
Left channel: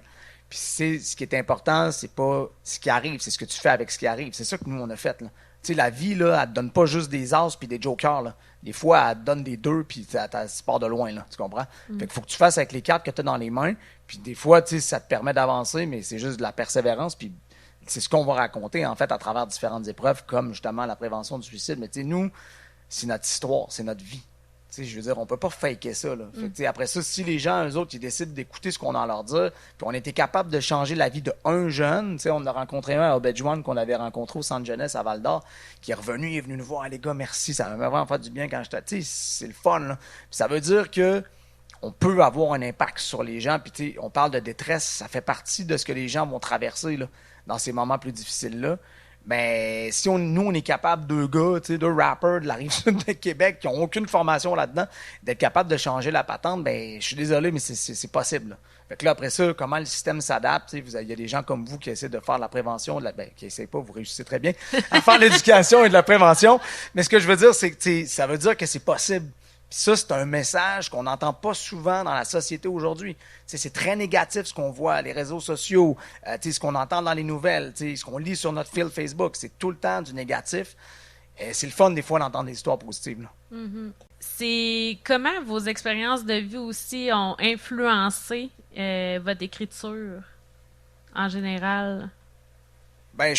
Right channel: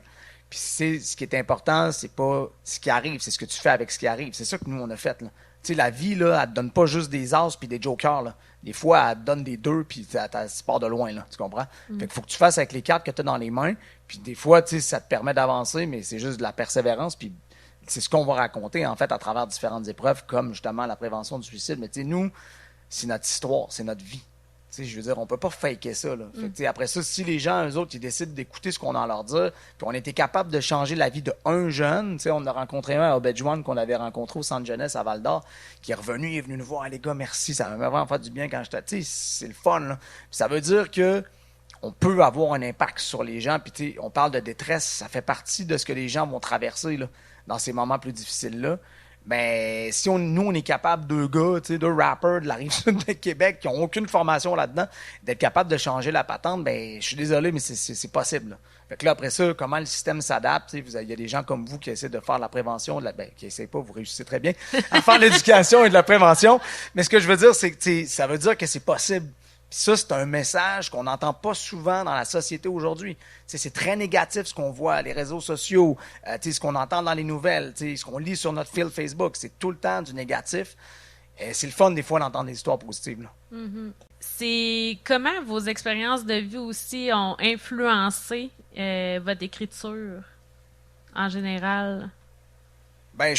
Puis ce qui est important, c'est pas ce qui arrive, c'est ce que tu fais avec ce qui arrive. C'est ça que nous, on a fait. Là. La vie, là, elle te donne pas juste des as puis des jokers. Là. Des fois, elle te donne des 2 puis tu pars de loin. Là, tu comprends? Fait qu'il faut que tu fasses avec les cartes que tu as dans les mains. Puis des fois, ça te permet d'avancer, mais c'est juste de la persévérance. Puis c'est ce qu'on va raconter, en fait, à travers différentes épreuves, comme justement la prévention du suicide. Mais nous, c'est notre histoire, c'est notre vie. Je veux dire, on peut pas faker ça. Là. Fait après ça, si les gens, eux autres, ils décident d'écouter ce qu'on a à leur dire, puis on était capable de changer la vie d'un jeune, on a rencontré un à Obedjuan qu'on avait rencontré au centre jeunesse à Val-d'Or, qui est revenu, il est venu nous voir, les gars, merci, ça m'a vraiment fait du bien quand j'étais. C'est le fun. Là. Puis ça veut dire que on peut avoir un impact sur les gens, puis on parle de détresse, ça fait partie de ce que les gens vont traverser là, dans ces moments plus difficiles-là. Mais si nous, on est capable, deux gars, deux rappers de la Rive-Sud de Québec qui n'ont aucune formation là-dedans, d'être capable de changer la patente, ben je suis désolé, mais c'est possible. Là. Fait que là, après ça, comment le système s'adapte, il y a des gens comme vous qui essaient de faire de la prévention, qui essaient pas, vous réussissez très bien, à faire de l'éducation et de la prévention. Mais ce que je veux dire, c'est que ça veut dire que c'est possible. Puis ça, c'est un message qu'on n'entend pas souvent dans la société aujourd'hui. C'est très négatif ce qu'on voit, les réseaux sociaux, ce qu'on entend dans les nouvelles, ce qu'on lit sur notre fil Facebook. C'est tout le temps du négatif. C'est le fun des fois d'entendre des histoires positives. Là. Mm-hmm. C'est comment vos expériences de vie aussi ont influencé votre écriture en général? Ben,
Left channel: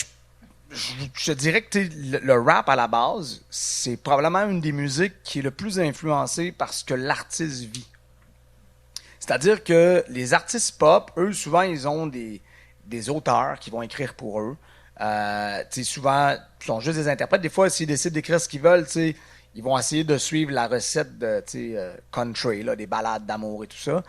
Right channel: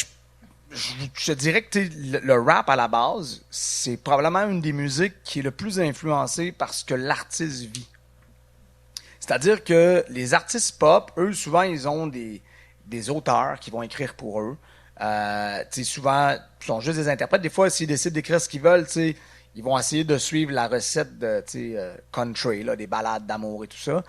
je dirais que le rap à la base, c'est probablement une des musiques qui est le plus influencée par ce que l'artiste vit. C'est-à-dire que les artistes pop, eux, souvent, ils ont des auteurs qui vont écrire pour eux. Souvent, ils sont juste des interprètes. Des fois, s'ils décident d'écrire ce qu'ils veulent, ils vont essayer de suivre la recette de country, là, des ballades d'amour et tout ça.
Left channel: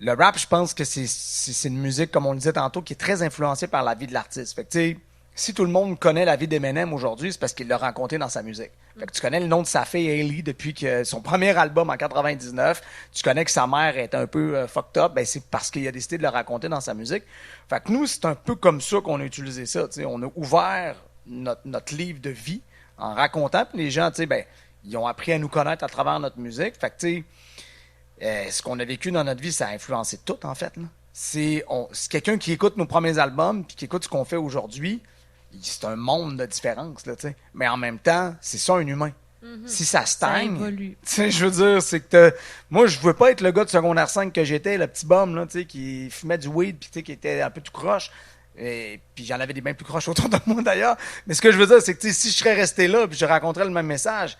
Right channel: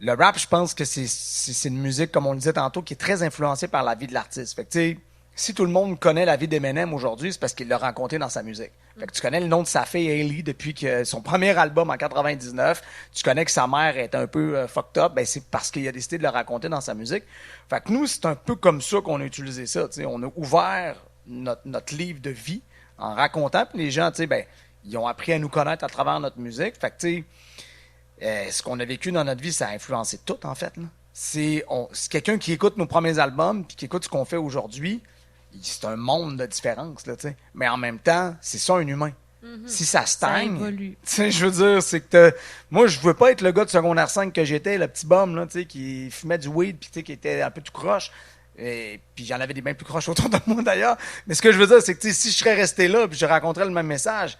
Le rap, je pense que c'est une musique, comme on le disait tantôt, qui est très influencée par la vie de l'artiste. Fait que, si tout le monde connaît la vie d'Eminem aujourd'hui, c'est parce qu'il l'a raconté dans sa musique. Fait que tu connais le nom de sa fille Hailey depuis que son premier album en 99. Tu connais que sa mère est un peu fucked up. Ben c'est parce qu'il a décidé de le raconter dans sa musique. Fait que nous, c'est un peu comme ça qu'on a utilisé ça. T'sais. On a ouvert notre livre de vie en racontant. Puis les gens, ils ont appris à nous connaître à travers notre musique. Fait que ce qu'on a vécu dans notre vie, ça a influencé tout en fait. Là. C'est quelqu'un qui écoute nos premiers albums puis qui écoute ce qu'on fait aujourd'hui. C'est un monde de différence, là, t'sais. Mais en même temps, c'est ça un humain. Mm-hmm. Si ça stagne, je veux dire, c'est que moi, je veux pas être le gars de secondaire 5 que j'étais, le petit bum là, qui fumait du weed puis qui était un peu tout croche. Et puis j'en avais des bien plus croches autour de moi d'ailleurs. Mais ce que je veux dire, c'est que si je serais resté là puis je raconterais le même message,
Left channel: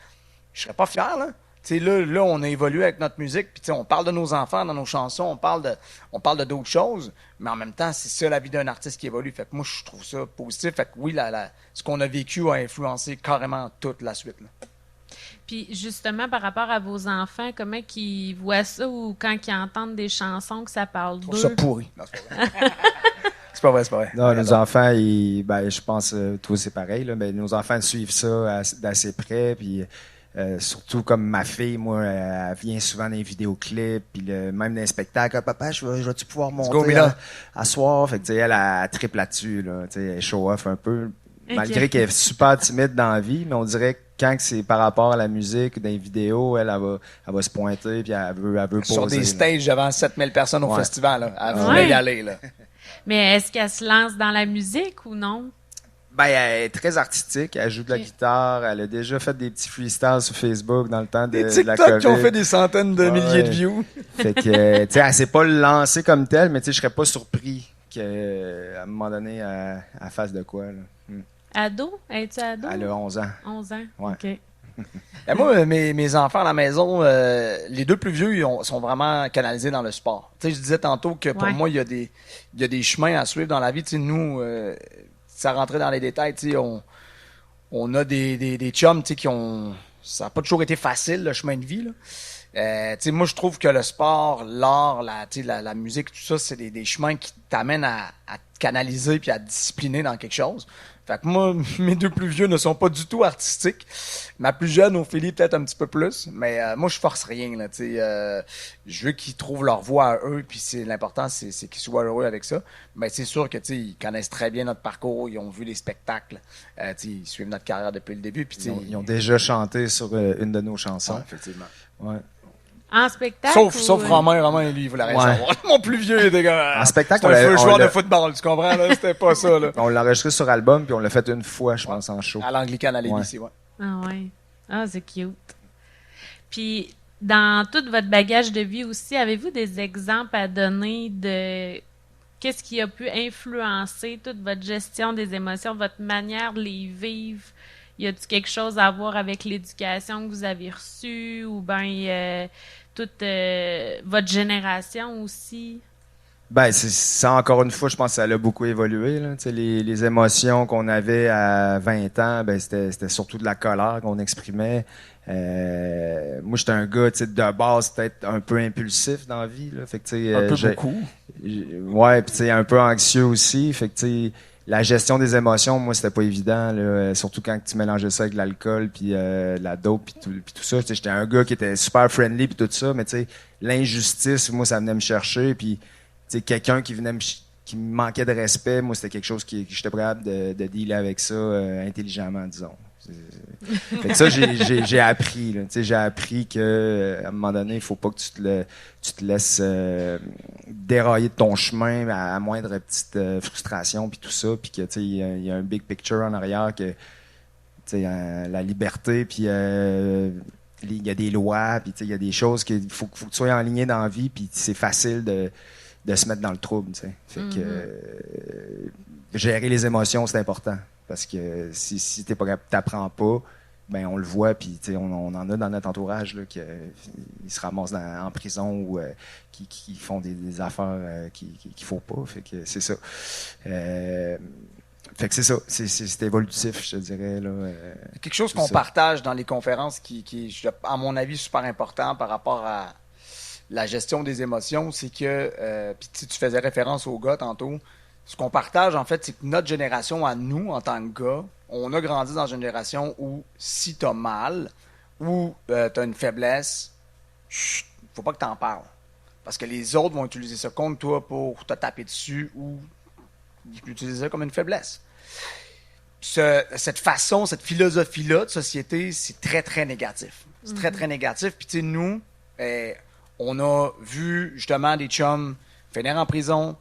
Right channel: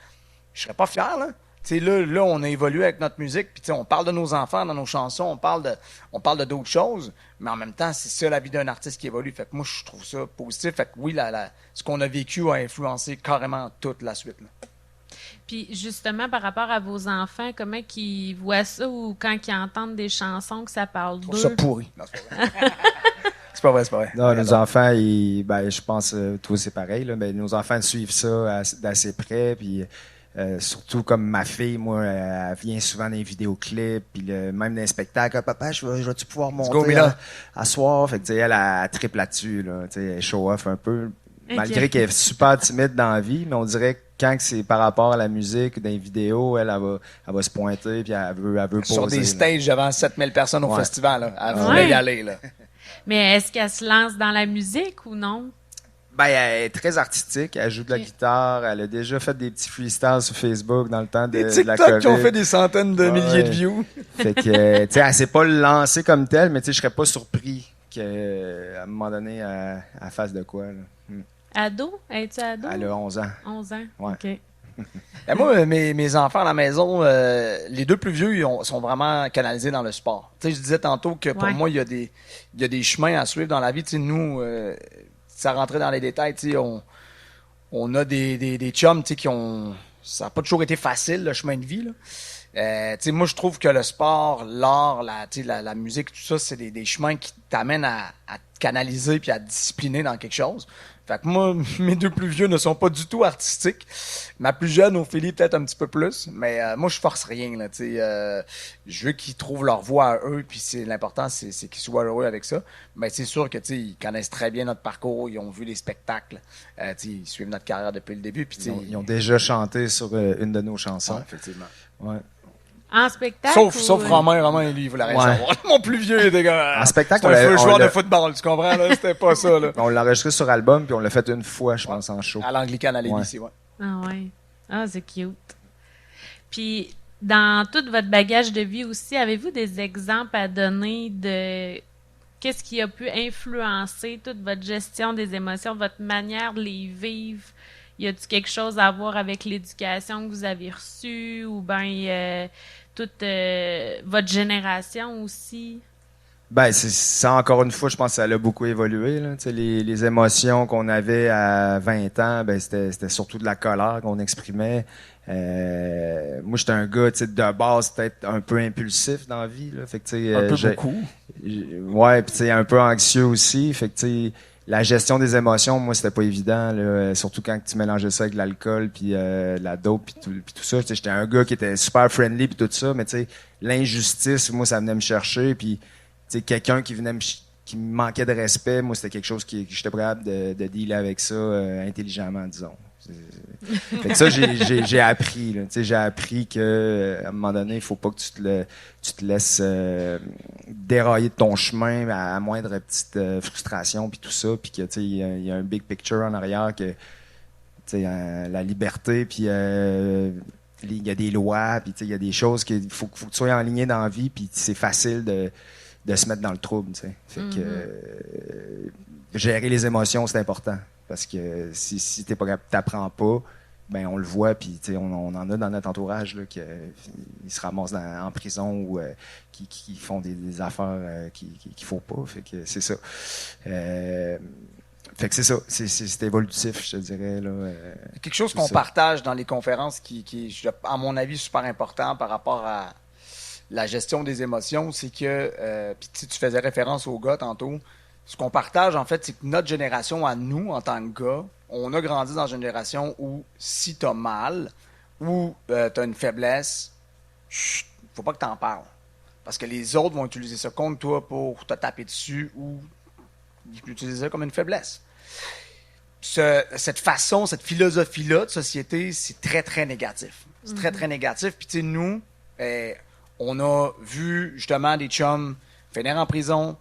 je serais pas fier, là. Là, on a évolué avec notre musique, puis on parle de nos enfants dans nos chansons, on parle de d'autres choses, mais en même temps, c'est ça la vie d'un artiste qui évolue. Fait que moi, je trouve ça positif. Fait que oui, ce qu'on a vécu a influencé carrément toute la suite. Là. Puis justement, par rapport à vos enfants, comment ils voient ça ou quand ils entendent des chansons que ça parle d'eux? Je trouve ça pourri. Non, c'est pas vrai, c'est pas vrai. Non, nos enfants, je pense, toi c'est pareil, là, mais nos enfants suivent ça d'assez près, puis surtout comme ma fille, moi, elle vient souvent dans les vidéoclips, puis même dans les spectacles. Ah, papa, je vais-tu pouvoir monter à soir? Fait que, tu sais, elle triple là-dessus, là, tu sais, elle show off un peu. Ok. Malgré qu'elle est super timide dans la vie, mais on dirait que quand c'est par rapport à la musique, dans les vidéos, elle va se pointer, puis elle veut poser. Sur des stages devant 7000 personnes au Ouais. festival, là. Elle voulait y aller, là. Mais est-ce qu'elle se lance dans la musique ou non? Ben, elle est très artistique, elle joue de la guitare, elle a déjà fait des petits freestyles sur Facebook dans le temps Des de la TikTok qui ont COVID. fait des centaines de milliers de views. Fait que, tu sais, elle s'est pas lancée comme telle, mais tu sais, je serais pas surpris qu'à un moment donné, elle fasse de quoi, là. Ado? Es-tu ado? Elle a 11 ans. 11 ans? Ouais. OK. Et moi, mes enfants à la maison, les deux plus vieux, sont vraiment canalisés dans le sport. Tu sais, je disais tantôt que pour Ouais. moi, il y a des chemins à suivre dans la vie. Tu sais, nous, ça rentrait dans les détails, tu sais, on a des chums, tu sais, ça n'a pas toujours été facile, le chemin de vie, là. Tu sais, moi, je trouve que le sport, l'art, tu sais, la musique, tout ça, c'est des chemins qui t'amènent à te canaliser puis à te discipliner dans quelque chose. Fait que moi, mes deux plus vieux ne sont pas du tout artistiques. Ma plus jeune, Ophélie, peut-être un petit peu plus. Mais moi, je force rien, là, tu sais. Je veux qu'ils trouvent leur voie à eux, puis l'important, c'est qu'ils soient heureux avec ça. Mais c'est sûr que, tu sais, ils connaissent très bien notre parcours, ils ont vu les spectacles, tu sais, ils suivent notre carrière depuis le début, puis tu sais, Ils ont déjà chanté sur une de nos chansons. effectivement. Ouais. En spectacle? Sauf Romain, lui, il voulait rien savoir. Mon plus vieux, il était comme... En spectacle, c'est un joueur l'a- de football, tu comprends, là? C'était pas ça, là. On l'a enregistré sur album, puis on l'a fait une fois, je pense, en show. À l'Anglicane, à Ouais. l'ABC, ouais. Ah ouais. Ah, c'est cute. Puis, dans tout votre bagage de vie aussi, avez-vous des exemples à donner de qu'est-ce qui a pu influencer toute votre gestion des émotions, votre manière de les vivre? Y a-t-il quelque chose à voir avec l'éducation que vous avez reçue ou bien toute votre génération aussi? Ben, ça, encore une fois, je pense que ça a beaucoup évolué, là. Tu sais, les émotions qu'on avait à 20 ans, ben, c'était surtout de la colère qu'on exprimait. Moi, j'étais un gars, tu sais, de base, peut-être un peu impulsif dans la vie, là. Fait que, tu sais, Un peu beaucoup. Ouais, puis tu sais, un peu anxieux aussi. Fait que, tu sais, la gestion des émotions, moi, c'était pas évident, là. Surtout quand tu mélangeais ça avec l'alcool, puis la dope, puis tout ça. Tu sais, j'étais un gars qui était super friendly, puis tout ça, mais tu sais, l'injustice, moi, ça venait me chercher, puis tu sais, quelqu'un qui venait qui me manquait de respect, moi, c'était quelque chose que j'étais capable de dealer avec ça intelligemment, disons. Fait que ça, j'ai appris, là. Tu sais, j'ai appris que à un moment donné, il faut pas que tu te laisses dérailler de ton chemin à moindre petite frustration, puis tout ça, puis que, tu sais, il y a un big picture en arrière que, tu sais, la liberté, puis il y a des lois, puis tu sais, il y a des choses qu'il faut que tu sois enligné dans la vie, puis c'est facile de se mettre dans le trouble, tu sais. Fait que gérer les émotions, c'est important. Parce que si t'es pas capable, t'apprends pas, ben on le voit, puis tu sais, on en a dans notre entourage là, qui se ramassent en prison ou qui font des affaires qu'il faut pas. Fait que c'est ça. Fait que c'est ça. C'est évolutif, je te dirais. Là, quelque chose qu'on partage dans les conférences qui est, à mon avis, super important par rapport à la gestion des émotions, c'est que, puis tu faisais référence aux gars tantôt, ce qu'on partage, en fait, c'est que notre génération, à nous, en tant que gars, on a grandi dans une génération où si t'as mal ou t'as une faiblesse, chut, faut pas que t'en parles. Parce que les autres vont utiliser ça contre toi pour te taper dessus ou utiliser ça comme une faiblesse. Cette façon, cette philosophie-là de société, c'est très, très négatif. C'est très, très négatif. Puis, tu sais, nous, on a vu justement des chums finir en prison,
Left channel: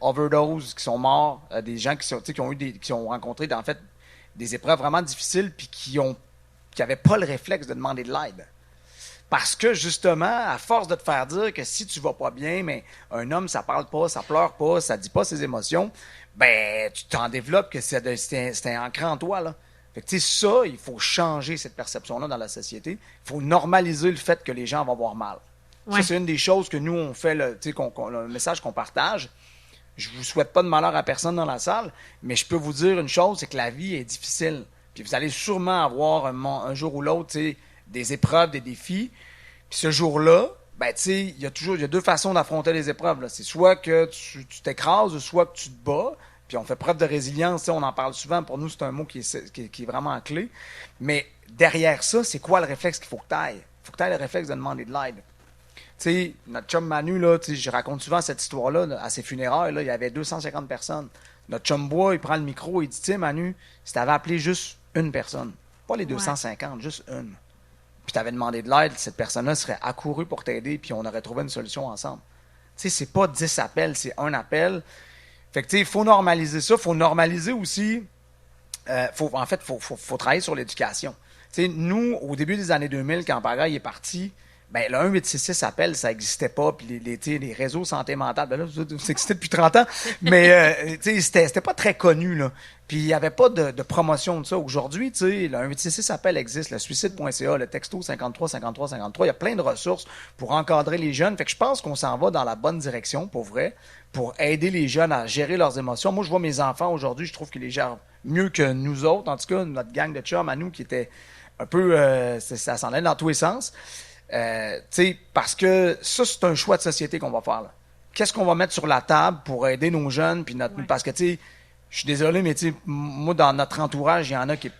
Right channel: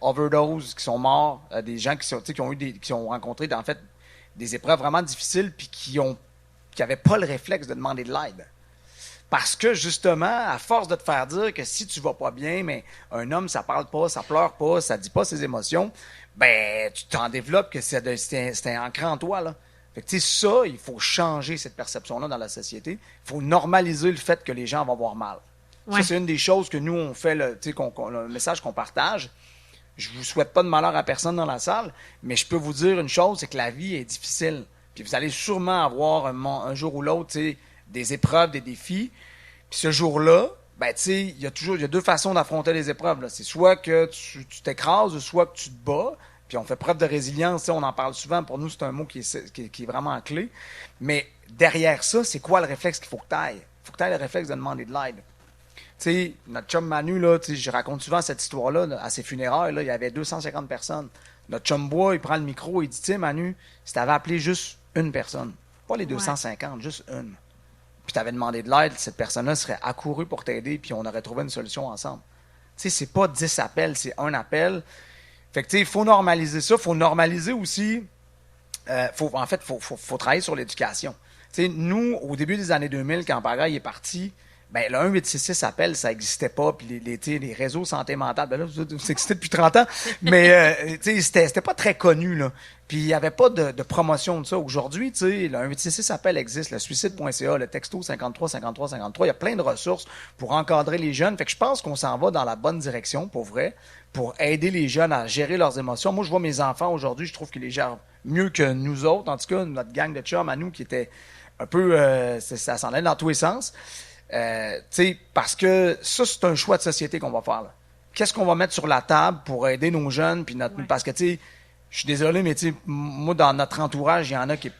overdose, qui sont morts, des gens qui ont rencontré, en fait, des épreuves vraiment difficiles, puis qui n'avaient pas le réflexe de demander de l'aide. Parce que, justement, à force de te faire dire que si tu vas pas bien, mais un homme, ça parle pas, ça pleure pas, ça dit pas ses émotions, ben, tu t'en développes que c'est ancré en toi, là. Fait que, tu sais, ça, il faut changer cette perception-là dans la société. Il faut normaliser le fait que les gens vont avoir mal. Ouais. Ça, c'est une des choses que nous, on fait, le message qu'on partage. Je vous souhaite pas de malheur à personne dans la salle, mais je peux vous dire une chose, c'est que la vie est difficile. Puis vous allez sûrement avoir un jour ou l'autre, des épreuves, des défis. Puis ce jour-là, ben, tu sais, il y a deux façons d'affronter les épreuves, là. C'est soit que tu t'écrases, soit que tu te bats. Puis on fait preuve de résilience, tu sais, on en parle souvent. Pour nous, c'est un mot qui est vraiment clé. Mais derrière ça, c'est quoi le réflexe qu'il faut que tu ailles? Il faut que tu ailles le réflexe de demander de l'aide. Tu sais, notre chum Manu, là, tu sais, je raconte souvent cette histoire-là, là, à ses funérailles, là, il y avait 250 personnes. Notre chum Bois, il prend le micro, il dit, tu sais, Manu, si tu avais appelé juste une personne, pas les 250, juste une, puis tu avais demandé de l'aide, cette personne-là serait accourue pour t'aider, puis on aurait trouvé une solution ensemble. Tu sais, c'est pas 10 appels, c'est un appel. Fait que, tu sais, il faut normaliser ça. Il faut normaliser aussi. Faut travailler sur l'éducation. Tu sais, nous, au début des années 2000, quand Pagaille est parti, ben, le 1866 appel, ça n'existait pas. Puis les réseaux santé mentale, ben là, ça existait depuis 30 ans. Mais, tu sais, c'était pas très connu, là. Puis il n'y avait pas de promotion de ça. Aujourd'hui, tu sais, le 1866 appel existe, le suicide.ca, le texto 53 53 53. Il y a plein de ressources pour encadrer les jeunes. Fait que je pense qu'on s'en va dans la bonne direction, pour vrai, pour aider les jeunes à gérer leurs émotions. Moi, je vois mes enfants aujourd'hui, je trouve qu'ils les gèrent mieux que nous autres. En tout cas, notre gang de chums à nous qui était un peu... ça s'en allait dans tous les sens. Parce que ça, c'est un choix de société qu'on va faire, là. Qu'est-ce qu'on va mettre sur la table pour aider nos jeunes? Puis parce que, tu sais, je suis désolé, mais tu sais, moi, dans notre entourage, il y en a qui...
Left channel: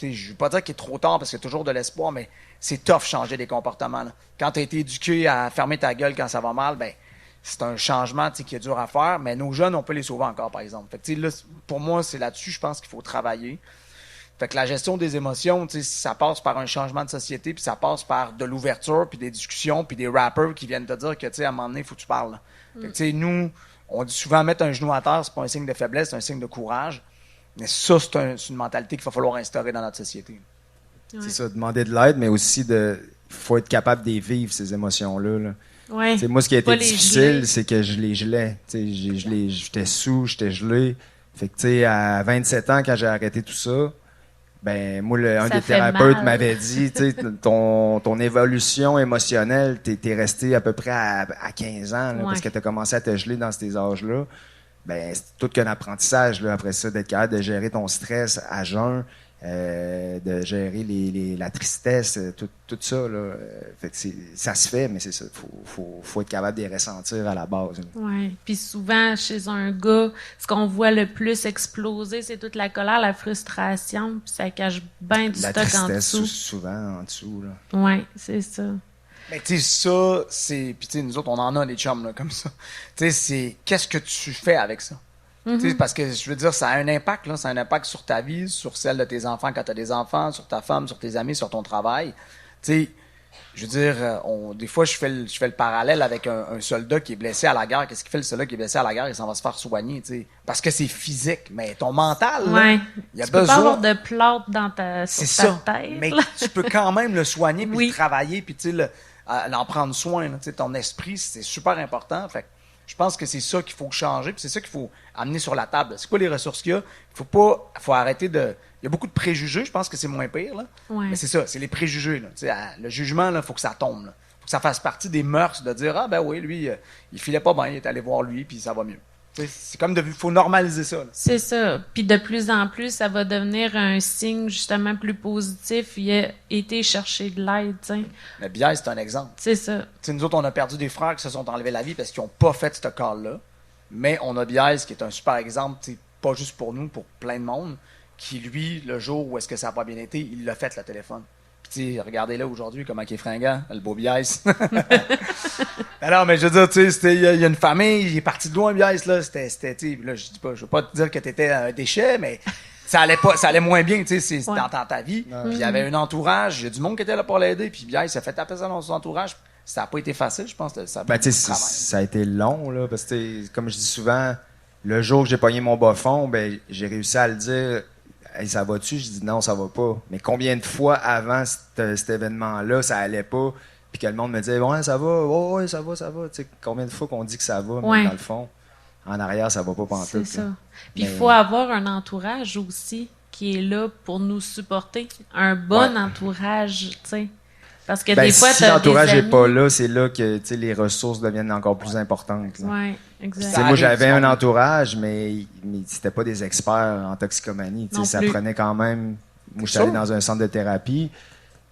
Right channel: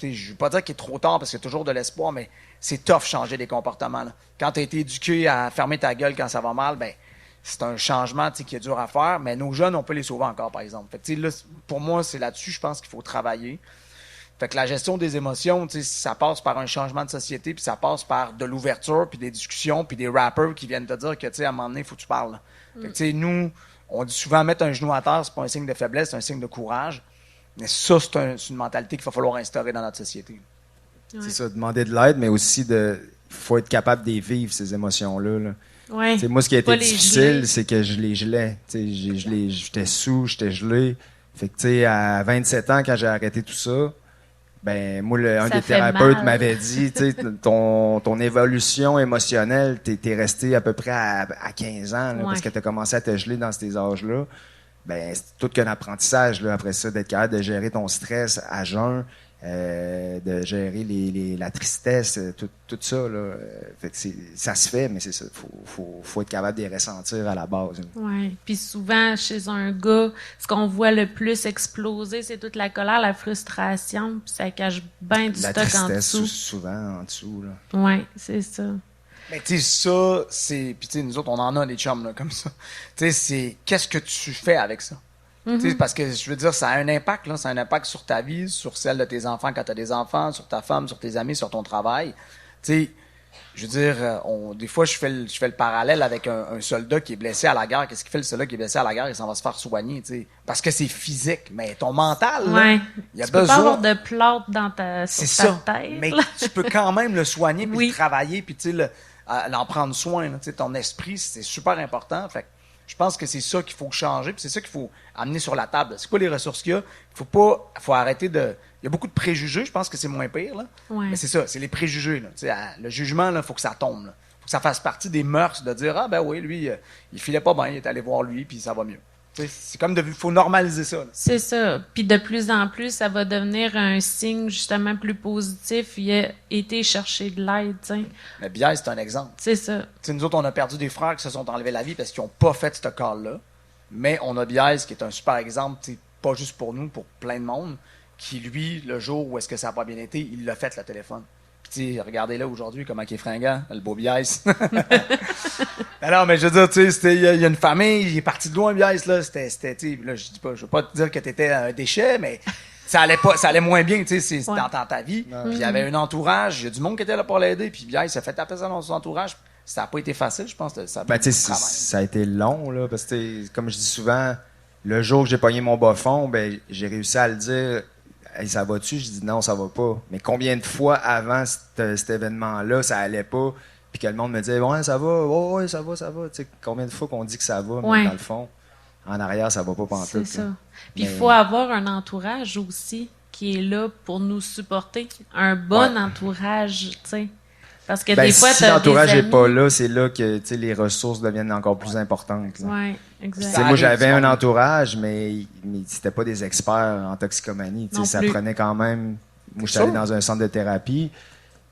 Je ne veux pas dire qu'il est trop tard parce qu'il y a toujours de l'espoir, mais c'est tough changer des comportements, là. Quand tu as été éduqué à fermer ta gueule quand ça va mal, ben c'est un changement qui est dur à faire, mais nos jeunes, on peut les sauver encore, par exemple. Fait que, là, pour moi, c'est là-dessus, je pense qu'il faut travailler. Fait que la gestion des émotions, ça passe par un changement de société, puis ça passe par de l'ouverture, puis des discussions, puis des rappers qui viennent te dire que, à un moment donné, il faut que tu parles. Fait que, nous, on dit souvent mettre un genou à terre, c'est pas un signe de faiblesse, c'est un signe de courage. Mais ça, c'est une mentalité qu'il va falloir instaurer dans notre société. Ouais. C'est ça, demander de l'aide, mais aussi il faut être capable de vivre, ces émotions-là, là. Ouais. Moi, ce qui a été difficile, c'est que je les gelais. J'étais sous, j'étais gelé. Fait que, à 27 ans, quand j'ai arrêté tout ça, ben moi, un des thérapeutes m'avait dit, ton évolution émotionnelle, t'es resté à peu près à 15 ans, là, parce que t'as commencé à te geler dans ces âges-là. Ben, c'est tout qu'un apprentissage, là, après ça, d'être capable de gérer ton stress à jeun, de gérer la tristesse, tout ça, là. Fait que ça se fait, mais c'est ça. Faut être capable de les ressentir à la base. Oui. Puis souvent, chez un gars, ce qu'on voit le plus exploser, c'est toute la colère, la frustration, puis ça cache bien du stock en dessous. La tristesse, souvent, en dessous, là. Oui, c'est ça. Mais tu sais, ça, c'est... Puis tu sais, nous autres, on en a des chums, là, comme ça. Tu sais, c'est... Qu'est-ce que tu fais avec ça? Mm-hmm. Parce que, je veux dire, ça a un impact, là. Ça a un impact sur ta vie, sur celle de tes enfants quand tu as des enfants, sur ta femme, sur tes amis, sur ton travail. Tu sais, je veux dire, des fois, je fais le parallèle avec un soldat qui est blessé à la guerre. Qu'est-ce qu'il fait, le soldat qui est blessé à la guerre? Il s'en va se faire soigner, tu sais. Parce que c'est physique. Mais ton mental, là, il y a besoin... Tu peux pas avoir de plâtre dans ta tête. Mais tu peux quand même le soigner, puis le travailler, puis tu sais, en prendre soin. Là, ton esprit, c'est super important. Fait que je pense que c'est ça qu'il faut changer, puis c'est ça qu'il faut amener sur la table. C'est quoi les ressources qu'il y a? Faut arrêter de... Il y a beaucoup de préjugés, je pense que c'est moins pire. Là. Ouais. Mais c'est ça, c'est les préjugés. Là. Le jugement, il faut que ça tombe. Il faut que ça fasse partie des mœurs de dire, ah ben oui, lui, il filait pas bien, il est allé voir lui, puis ça va mieux. C'est comme il faut normaliser ça. Là. C'est ça. Puis de plus en plus, ça va devenir un signe justement plus positif. Il a été chercher de l'aide. T'sais. Mais Biaise, c'est un exemple. C'est ça. T'sais, nous autres, on a perdu des frères qui se sont enlevés la vie parce qu'ils n'ont pas fait ce call-là. Mais on a Biaise qui est un super exemple, pas juste pour nous, pour plein de monde, qui lui, le jour où est-ce que ça n'a pas bien été, il l'a fait le téléphone. Puis regardez-là aujourd'hui comment il est fringant, le beau Biaise. Non, mais je veux dire, il y a une famille, il est parti de loin, Biaise, là, là, je dis pas, je veux pas te dire que t'étais un déchet, mais ça allait moins bien, tu sais, dans ta vie. Puis il y avait un entourage, il y a du monde qui était là pour l'aider, puis Biaise s'est fait taper ça dans son entourage. Ça n'a pas été facile, je pense. Ça a été long, là, parce que, comme je dis souvent, le jour que j'ai pogné mon bas fond, ben, j'ai réussi à le dire. Hey, ça va-tu? Je dis non, ça va pas. Mais combien de fois avant cet événement-là, ça allait pas, puis que le monde me disait ouais, ça va, ouais, ça va. T'sais, combien de fois qu'on dit que ça va, mais dans le fond, en arrière, ça va pas pantoute. C'est ça. Puis il faut avoir un entourage aussi qui est là pour nous supporter. Un bon entourage, tu sais. Parce que des fois, si l'entourage n'est pas là, c'est là que les ressources deviennent encore plus importantes. Oui, exactement. Moi, j'avais un entourage, mais c'était pas des experts en toxicomanie. Ça prenait quand même... Moi, je suis allé dans un centre de thérapie,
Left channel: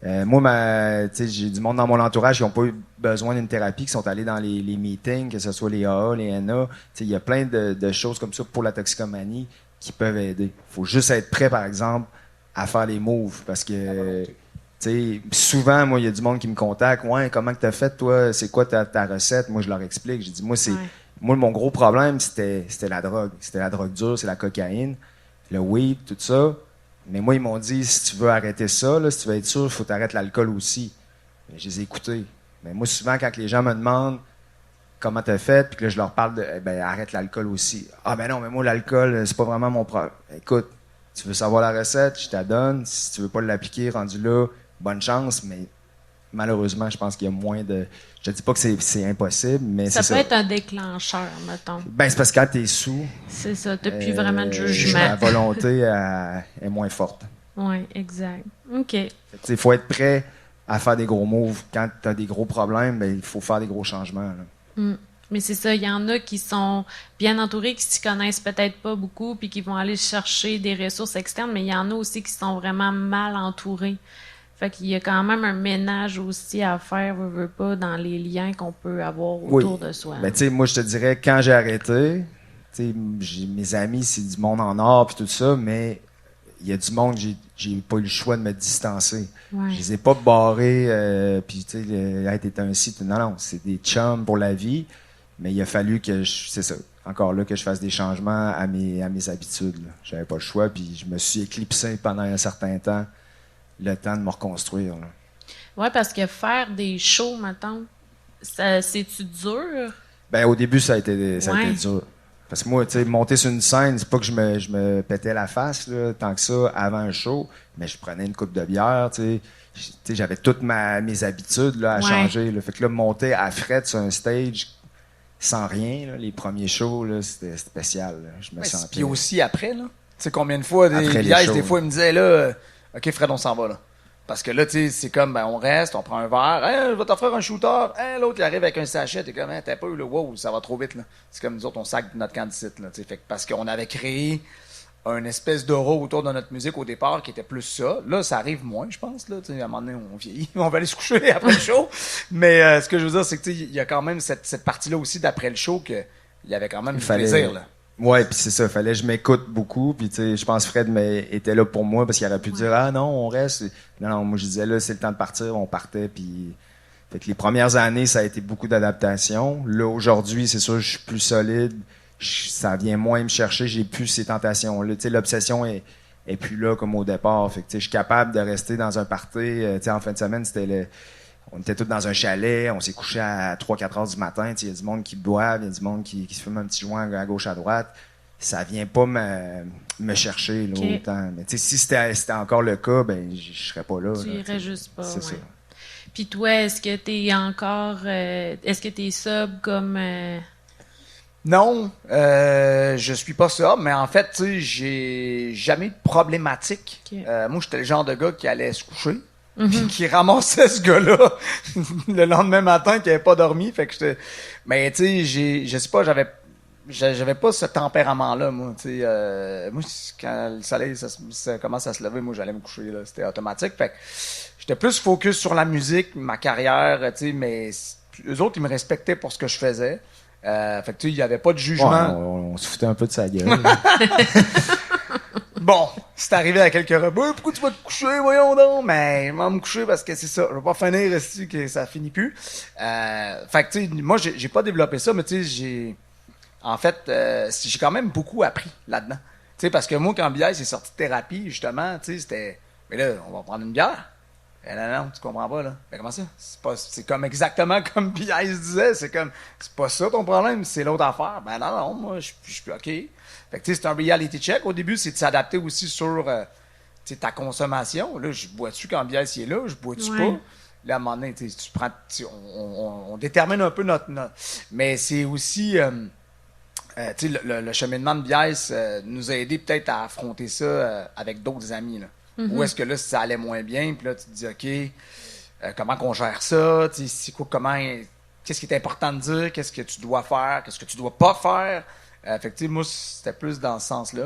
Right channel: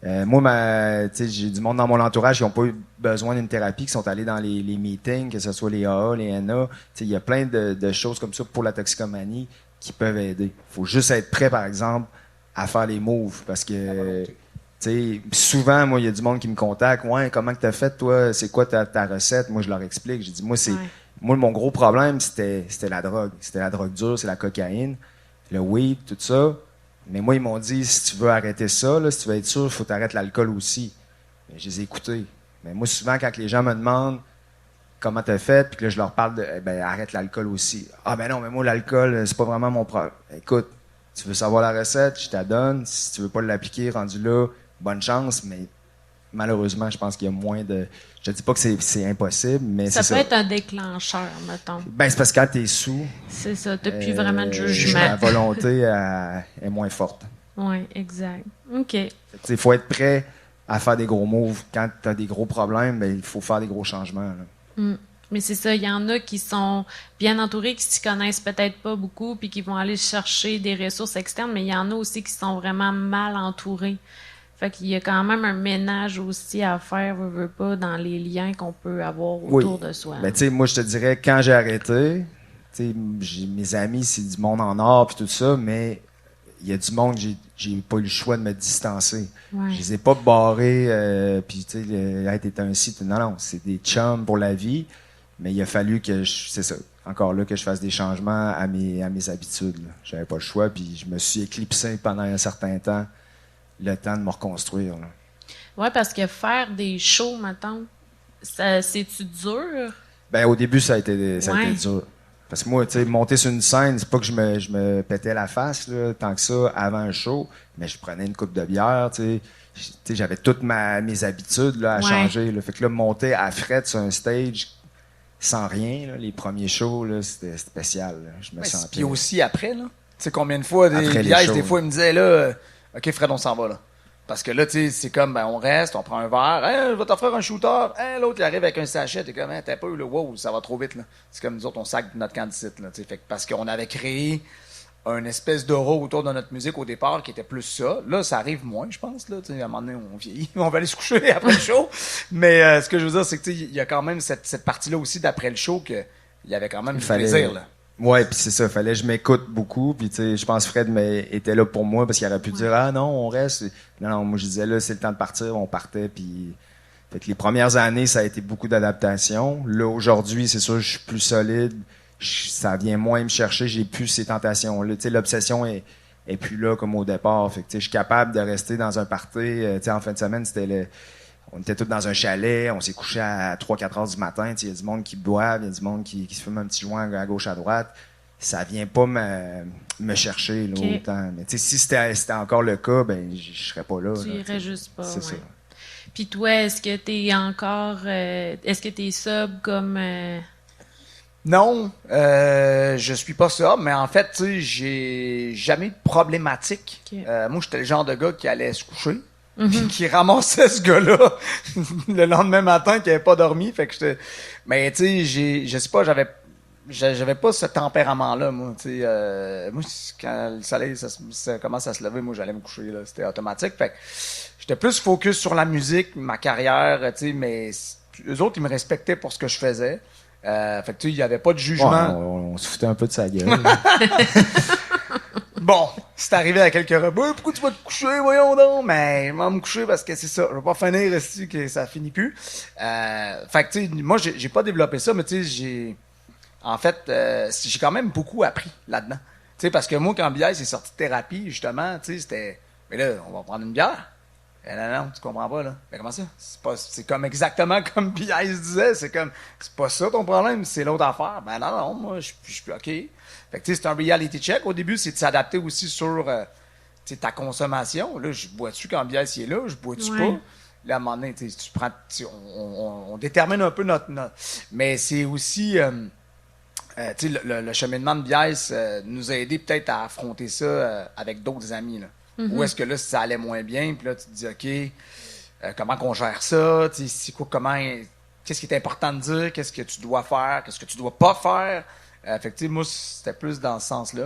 Moi, j'ai du monde dans mon entourage qui n'ont pas eu besoin d'une thérapie, qui sont allés dans les meetings, que ce soit les AA, les NA. Il y a plein de choses comme ça pour la toxicomanie qui peuvent aider. Il faut juste être prêt, par exemple, à faire les moves. Parce que souvent, moi, il y a du monde qui me contacte. Ouais, comment tu as fait, toi? C'est quoi ta recette? Moi, je leur explique. J'ai dit, moi, mon gros problème, c'était la drogue. C'était la drogue dure, c'est la cocaïne, le weed, tout ça. Mais moi, ils m'ont dit, si tu veux arrêter ça, là, si tu veux être sûr, il faut t'arrêter l'alcool aussi. Mais je les ai écoutés. Mais moi, souvent, quand les gens me demandent comment t'as fait, puis que là, je leur parle de, arrête l'alcool aussi. Ah, ben non, mais moi, l'alcool, c'est pas vraiment mon problème. Écoute, tu veux savoir la recette, je te la donne. Si tu veux pas l'appliquer, rendu là, bonne chance, mais malheureusement, je pense qu'il y a moins de... Je te dis pas que c'est impossible, mais c'est ça. Ça peut être un déclencheur, mettons. Ben, c'est parce que quand t'es sous... C'est ça, depuis vraiment le jugement. La volonté est moins forte. Oui, exact. OK. Il faut être prêt à faire des gros moves. Quand t'as des gros problèmes, ben, il faut faire des gros changements. Mais c'est ça, il y en a qui sont bien entourés, qui s'y connaissent peut-être pas beaucoup, puis qui vont aller chercher des ressources externes, mais il y en a aussi qui sont vraiment mal entourés. Fait qu'il y a quand même un ménage aussi à faire, veut pas, dans les liens qu'on peut avoir autour de soi. Mais tu sais, moi, je te dirais, quand j'ai arrêté, mes amis, c'est du monde en or puis tout ça, mais il y a du monde, j'ai pas eu le choix de me distancer. Ouais. Je les ai pas barrés, puis tu sais, t'es un site. Non, c'est des chums pour la vie, mais il a fallu que c'est ça, encore là, que je fasse des changements à mes habitudes. Là. J'avais pas le choix, puis je me suis éclipsé pendant un certain temps, le temps de me reconstruire. Oui, parce que faire des shows, maintenant, c'est-tu dur? Ben, au début, ça a été dur. Parce que moi, tu sais, monter sur une scène, c'est pas que je me pétais la face, là, tant que ça, avant un show, mais je prenais une coupe de bière, tu sais. J'avais toutes mes habitudes là, à changer. Là. Fait que là, monter à fret sur un stage sans rien, là, les premiers shows, là, c'était spécial. Là. Je me sentais... Puis aussi après, là. Tu sais, combien de fois, des fois, ils me disaient, là, OK, Fred, on s'en va, là. Parce que là, tu sais, c'est comme, on reste, on prend un verre, hey, je vais t'offrir un shooter, hey, l'autre, il arrive avec un sachet, t'es comme, hey, t'as pas eu le wow, ça va trop vite, là. C'est comme nous autres, on sac notre candidate, là, tu sais. Parce qu'on avait créé un espèce d'aura autour de notre musique au départ qui était plus ça. Là, ça arrive moins, je pense, là. Tu sais, à un moment donné, on vieillit, on va aller se coucher après le show. Mais ce que je veux dire, c'est que, tu sais, il y a quand même cette partie-là aussi d'après le show qu'il y avait quand même du plaisir, là. Ouais, puis c'est ça, fallait que je m'écoute beaucoup, puis tu sais, je pense que Fred était là pour moi parce qu'il aurait pu dire ah non, on reste. Non, moi je disais là, c'est le temps de partir, on partait, puis fait que les premières années, ça a été beaucoup d'adaptation. Là aujourd'hui, c'est sûr, je suis plus solide, ça vient moins me chercher, j'ai plus ces tentations-là, tu sais, l'obsession est plus là comme au départ, fait que tu sais, je suis capable de rester dans un party, tu sais, en fin de semaine, on était tous dans un chalet, on s'est couché à 3-4 heures du matin. Il y a du monde qui boit, il y a du monde qui se fume un petit joint à gauche, à droite. Ça vient pas me chercher là, autant. Mais si c'était encore le cas, ben je serais pas là. Tu irais juste pas. C'est ça. Puis toi, est-ce que t'es encore... est-ce que t'es sub comme... Non, je suis pas sub, mais en fait, tu sais, j'ai jamais de problématique. Okay. Moi, j'étais le genre de gars qui allait se coucher. Puis qui ramassait ce gars-là le lendemain matin qui avait pas dormi. Fait que mais tu sais, je sais pas, j'avais pas ce tempérament-là, moi. Tu sais, moi, quand le soleil ça commence à se lever, moi j'allais me coucher là, c'était automatique. Fait que j'étais plus focus sur la musique, ma carrière, tu sais, mais eux autres ils me respectaient pour ce que je faisais. Fait que tu sais, il y avait pas de jugement. Ouais, on se foutait un peu de sa gueule. Bon, c'est arrivé à quelques repas. Pourquoi tu vas te coucher? Voyons donc. Mais je vais me coucher parce que c'est ça. Je vais pas finir ici que ça finit plus. Fait que, tu sais, moi, j'ai pas développé ça, mais tu sais, en fait, j'ai quand même beaucoup appris là-dedans. Tu sais, parce que moi, quand Biais est sorti de thérapie, justement, tu sais, c'était, mais là, on va prendre une bière. Non, tu comprends pas, là. Mais comment ça? C'est comme exactement comme Biais disait. C'est pas ça ton problème, c'est l'autre affaire. Ben non, moi, je suis OK. Fait que, tu sais, c'est un reality check. Au début, c'est de s'adapter aussi sur ta consommation. Là, je bois-tu quand Biais est là? Je bois-tu pas? Là, à un moment donné, tu prends, on détermine un peu notre... Mais c'est aussi... tu sais, le cheminement de Biais nous a aidé peut-être à affronter ça avec d'autres amis, là. Ou est-ce que là, ça allait moins bien, puis là, tu te dis, OK, comment qu'on gère ça? Tu sais, c'est quoi, qu'est-ce qui est important de dire? Qu'est-ce que tu dois faire? Qu'est-ce que tu dois pas faire? Fait que, moi, c'était plus dans ce sens-là.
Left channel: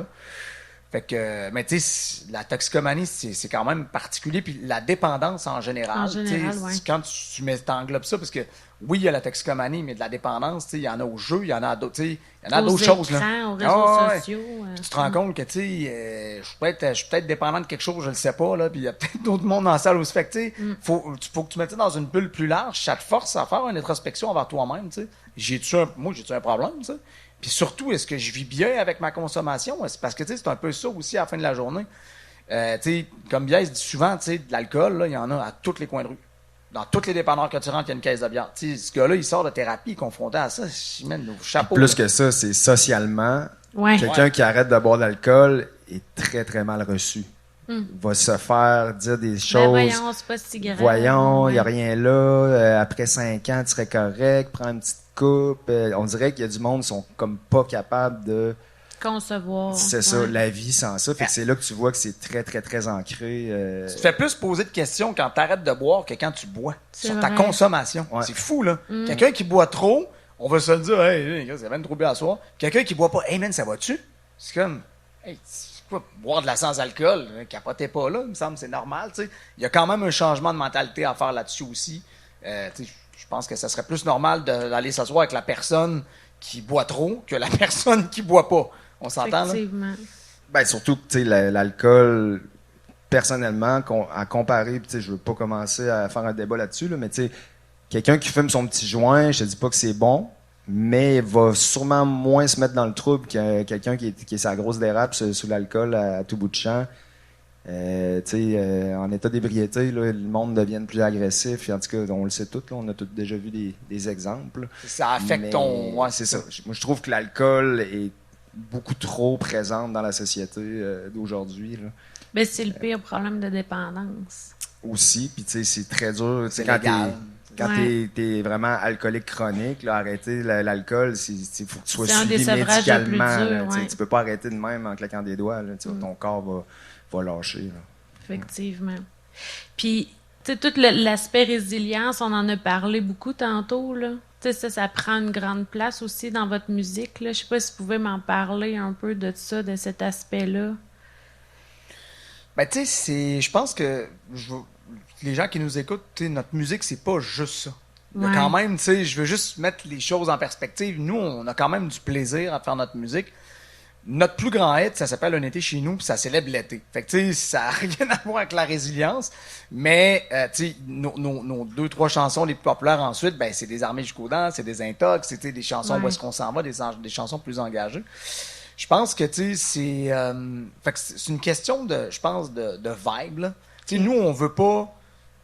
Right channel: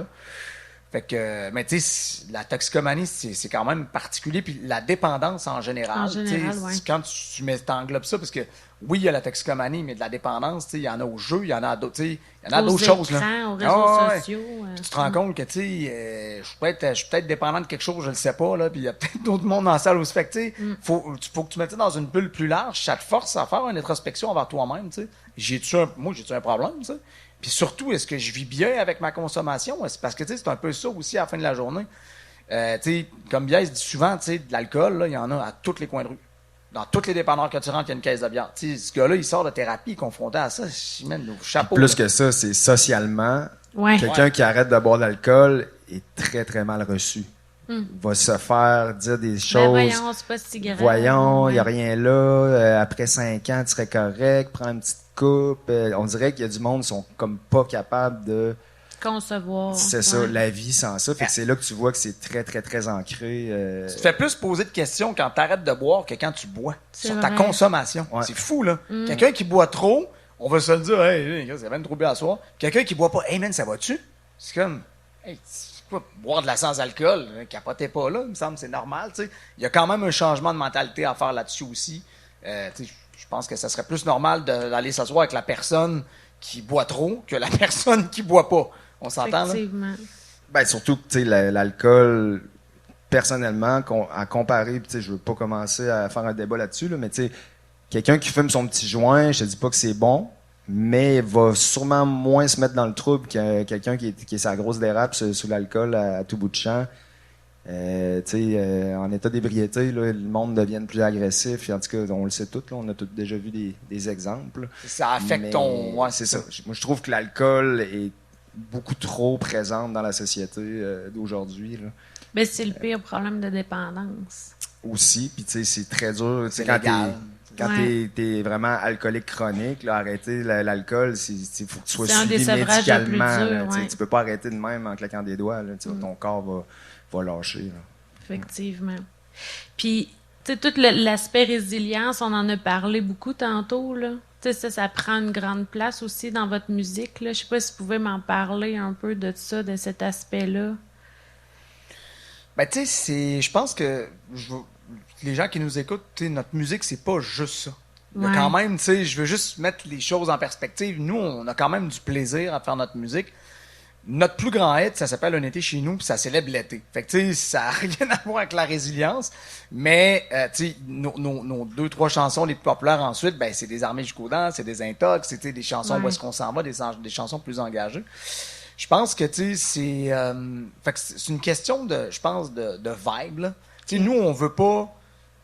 Fait que, mais tu sais, la toxicomanie, c'est quand même particulier. Puis la dépendance en général. En général, ouais. Quand tu t'englobes ça, parce que oui, il y a la toxicomanie, mais de la dépendance, il y en a au jeu, il y en a à d'autres, il y en a à d'autres choses. Là. Aux réseaux sociaux. Puis tu te rends compte que, tu sais, je suis peut-être dépendant de quelque chose, je le sais pas, là. Puis il y a peut-être d'autres mondes dans la salle aussi. Fait que, tu sais, faut que tu mettes ça dans une bulle plus large. Ça te force à faire une introspection envers toi-même, tu sais. J'ai-tu un problème, tu sais? Puis surtout, est-ce que je vis bien avec ma consommation? Parce que, tu sais, c'est un peu ça aussi à la fin de la journée. Tu sais, comme Biais dit souvent, tu sais, de l'alcool, là, il y en a à tous les coins de rue. Dans tous les dépanneurs que tu rentres, il y a une caisse de bière. Tu sais, ce gars-là, il sort de thérapie, confronté à ça. Je mène nos chapeaux. Plus que ça, c'est socialement. Ouais. Quelqu'un qui arrête de boire de l'alcool est très, très mal reçu. Va se faire dire des choses. Voyons, c'est pas si grave. Voyons, il n'y a rien là. Après 5 ans, tu serais correct. Prends une petite coupe. On dirait qu'il y a du monde qui sont comme pas capables de concevoir. C'est ça, la vie sans ça. Fait que c'est là que tu vois que c'est très, très, très ancré. Tu te fais plus poser de questions quand tu arrêtes de boire que quand tu bois. Sur ta consommation. Ouais. C'est fou, là. Quelqu'un qui boit trop, on va se le dire, hey, c'est même trop bien à soir. Quelqu'un qui boit pas, hey man, ça va-tu? C'est comme, hey, quoi, boire de la sans-alcool, capotez pas là, il me semble, c'est normal, tu sais. Il y a quand même un changement de mentalité à faire là-dessus aussi. Je pense que ça serait plus normal d'aller s'asseoir avec la personne qui boit trop que la personne qui boit pas. On s'entend, là? Effectivement. Ben, surtout que, tu sais, l'alcool, personnellement, à comparer, tu sais, je veux pas commencer à faire un débat là-dessus, là, mais tu sais, quelqu'un qui fume son petit joint, je te dis pas que c'est bon, mais va sûrement moins se mettre dans le trouble que quelqu'un qui est sa grosse dérape sous l'alcool à tout bout de champ. En état d'ébriété, là, le monde devient plus agressif. En tout cas, on le sait tous, là, on a tous déjà vu des exemples. Ça affecte ton... Ouais, c'est ça. Moi, je trouve que l'alcool est beaucoup trop présent dans la société d'aujourd'hui. Là. Mais c'est le pire problème de dépendance. Aussi, puis tu sais, c'est très dur. C'est quand légal. Quand t'es vraiment alcoolique chronique, là, arrêter l'alcool, il faut que tu sois suivi médicalement. Dur, ouais. Tu peux pas arrêter de même en claquant des doigts. Là, ton corps va lâcher. Là. Effectivement. Puis, tu sais, tout l'aspect résilience, on en a parlé beaucoup tantôt, là. Tu sais, ça prend une grande place aussi dans votre musique, là. Je sais pas si vous pouvez m'en parler un peu de ça, de cet aspect-là. Ben, tu sais, je pense que les gens qui nous écoutent, notre musique, c'est pas juste ça. Il y a quand même, tu sais, je veux juste mettre les choses en perspective. Nous, on a quand même du plaisir à faire notre musique. Notre plus grand hit, ça s'appelle Un été chez nous, puis ça célèbre l'été. Fait que, tu sais, ça n'a rien à voir avec la résilience. Mais, tu sais, nos 2-3 chansons les plus populaires ensuite, ben, c'est des Armées jusqu'aux dents, c'est des Intox, c'est des chansons où est-ce qu'on s'en va, des chansons plus engagées. Je pense que, tu sais, c'est une question de, je pense, de vibe, là. Tu sais, nous, on veut pas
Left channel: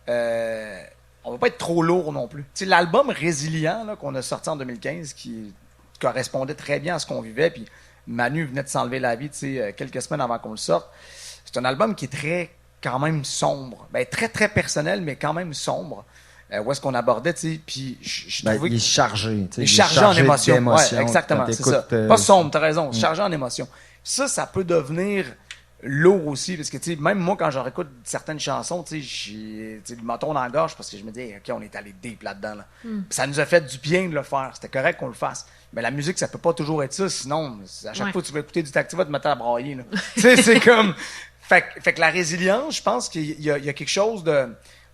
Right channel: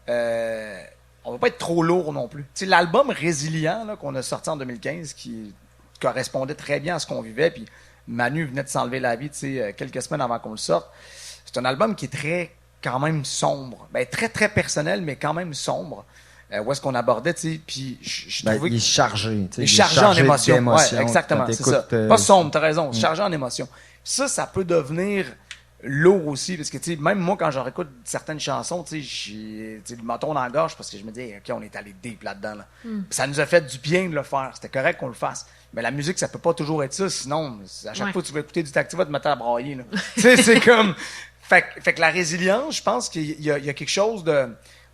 être trop lourd non plus. Tu sais, l'album Résilient là, qu'on a sorti en 2015, qui correspondait très bien à ce qu'on vivait, puis Manu venait de s'enlever la vie, tu sais, quelques semaines avant qu'on le sorte. C'est un album qui est très, quand même sombre. Ben, très, très personnel, mais quand même sombre. Où est-ce qu'on abordait, tu sais, puis je trouvais... Il est chargé. Il est chargé en émotion. Ouais, exactement, c'est ça. Pas sombre, t'as raison, chargé en émotion. Ça peut devenir lourd aussi, parce que, tu sais, même moi, quand je réécoute certaines chansons, tu sais, j'ai le menton dans la gorge, parce que je me dis, OK, on est allé deep là-dedans, là. Ça nous a fait du bien de le faire. C'était correct qu'on le fasse. Mais la musique, ça peut pas toujours être ça, sinon, à chaque fois que tu vas écouter du Tactiva, tu te mets à brailler, là. Tu sais, c'est comme... Fait que la résilience, je pense qu'il y a quelque chose de...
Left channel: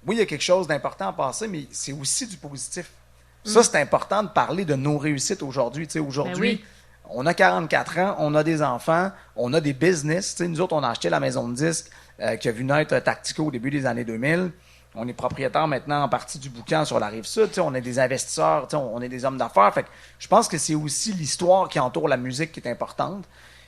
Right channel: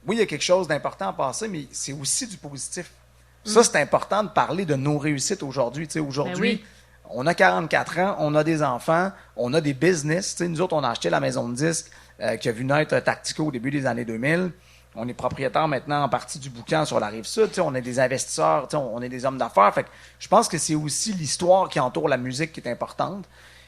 Oui, il y a quelque chose d'important à passer, mais c'est aussi du positif. Ça, c'est important de parler de nos réussites aujourd'hui. Tu sais, aujourd'hui, on a 44 ans, on a des enfants, on a des business. Tu sais, nous autres, on a acheté la maison de disques qui a vu naître Tactico au début des années 2000. On est propriétaire maintenant en partie du boucan sur la Rive-Sud. Tu sais, on est des investisseurs, tu sais, on est des hommes d'affaires. Fait que je pense que c'est aussi l'histoire qui entoure la musique qui est importante.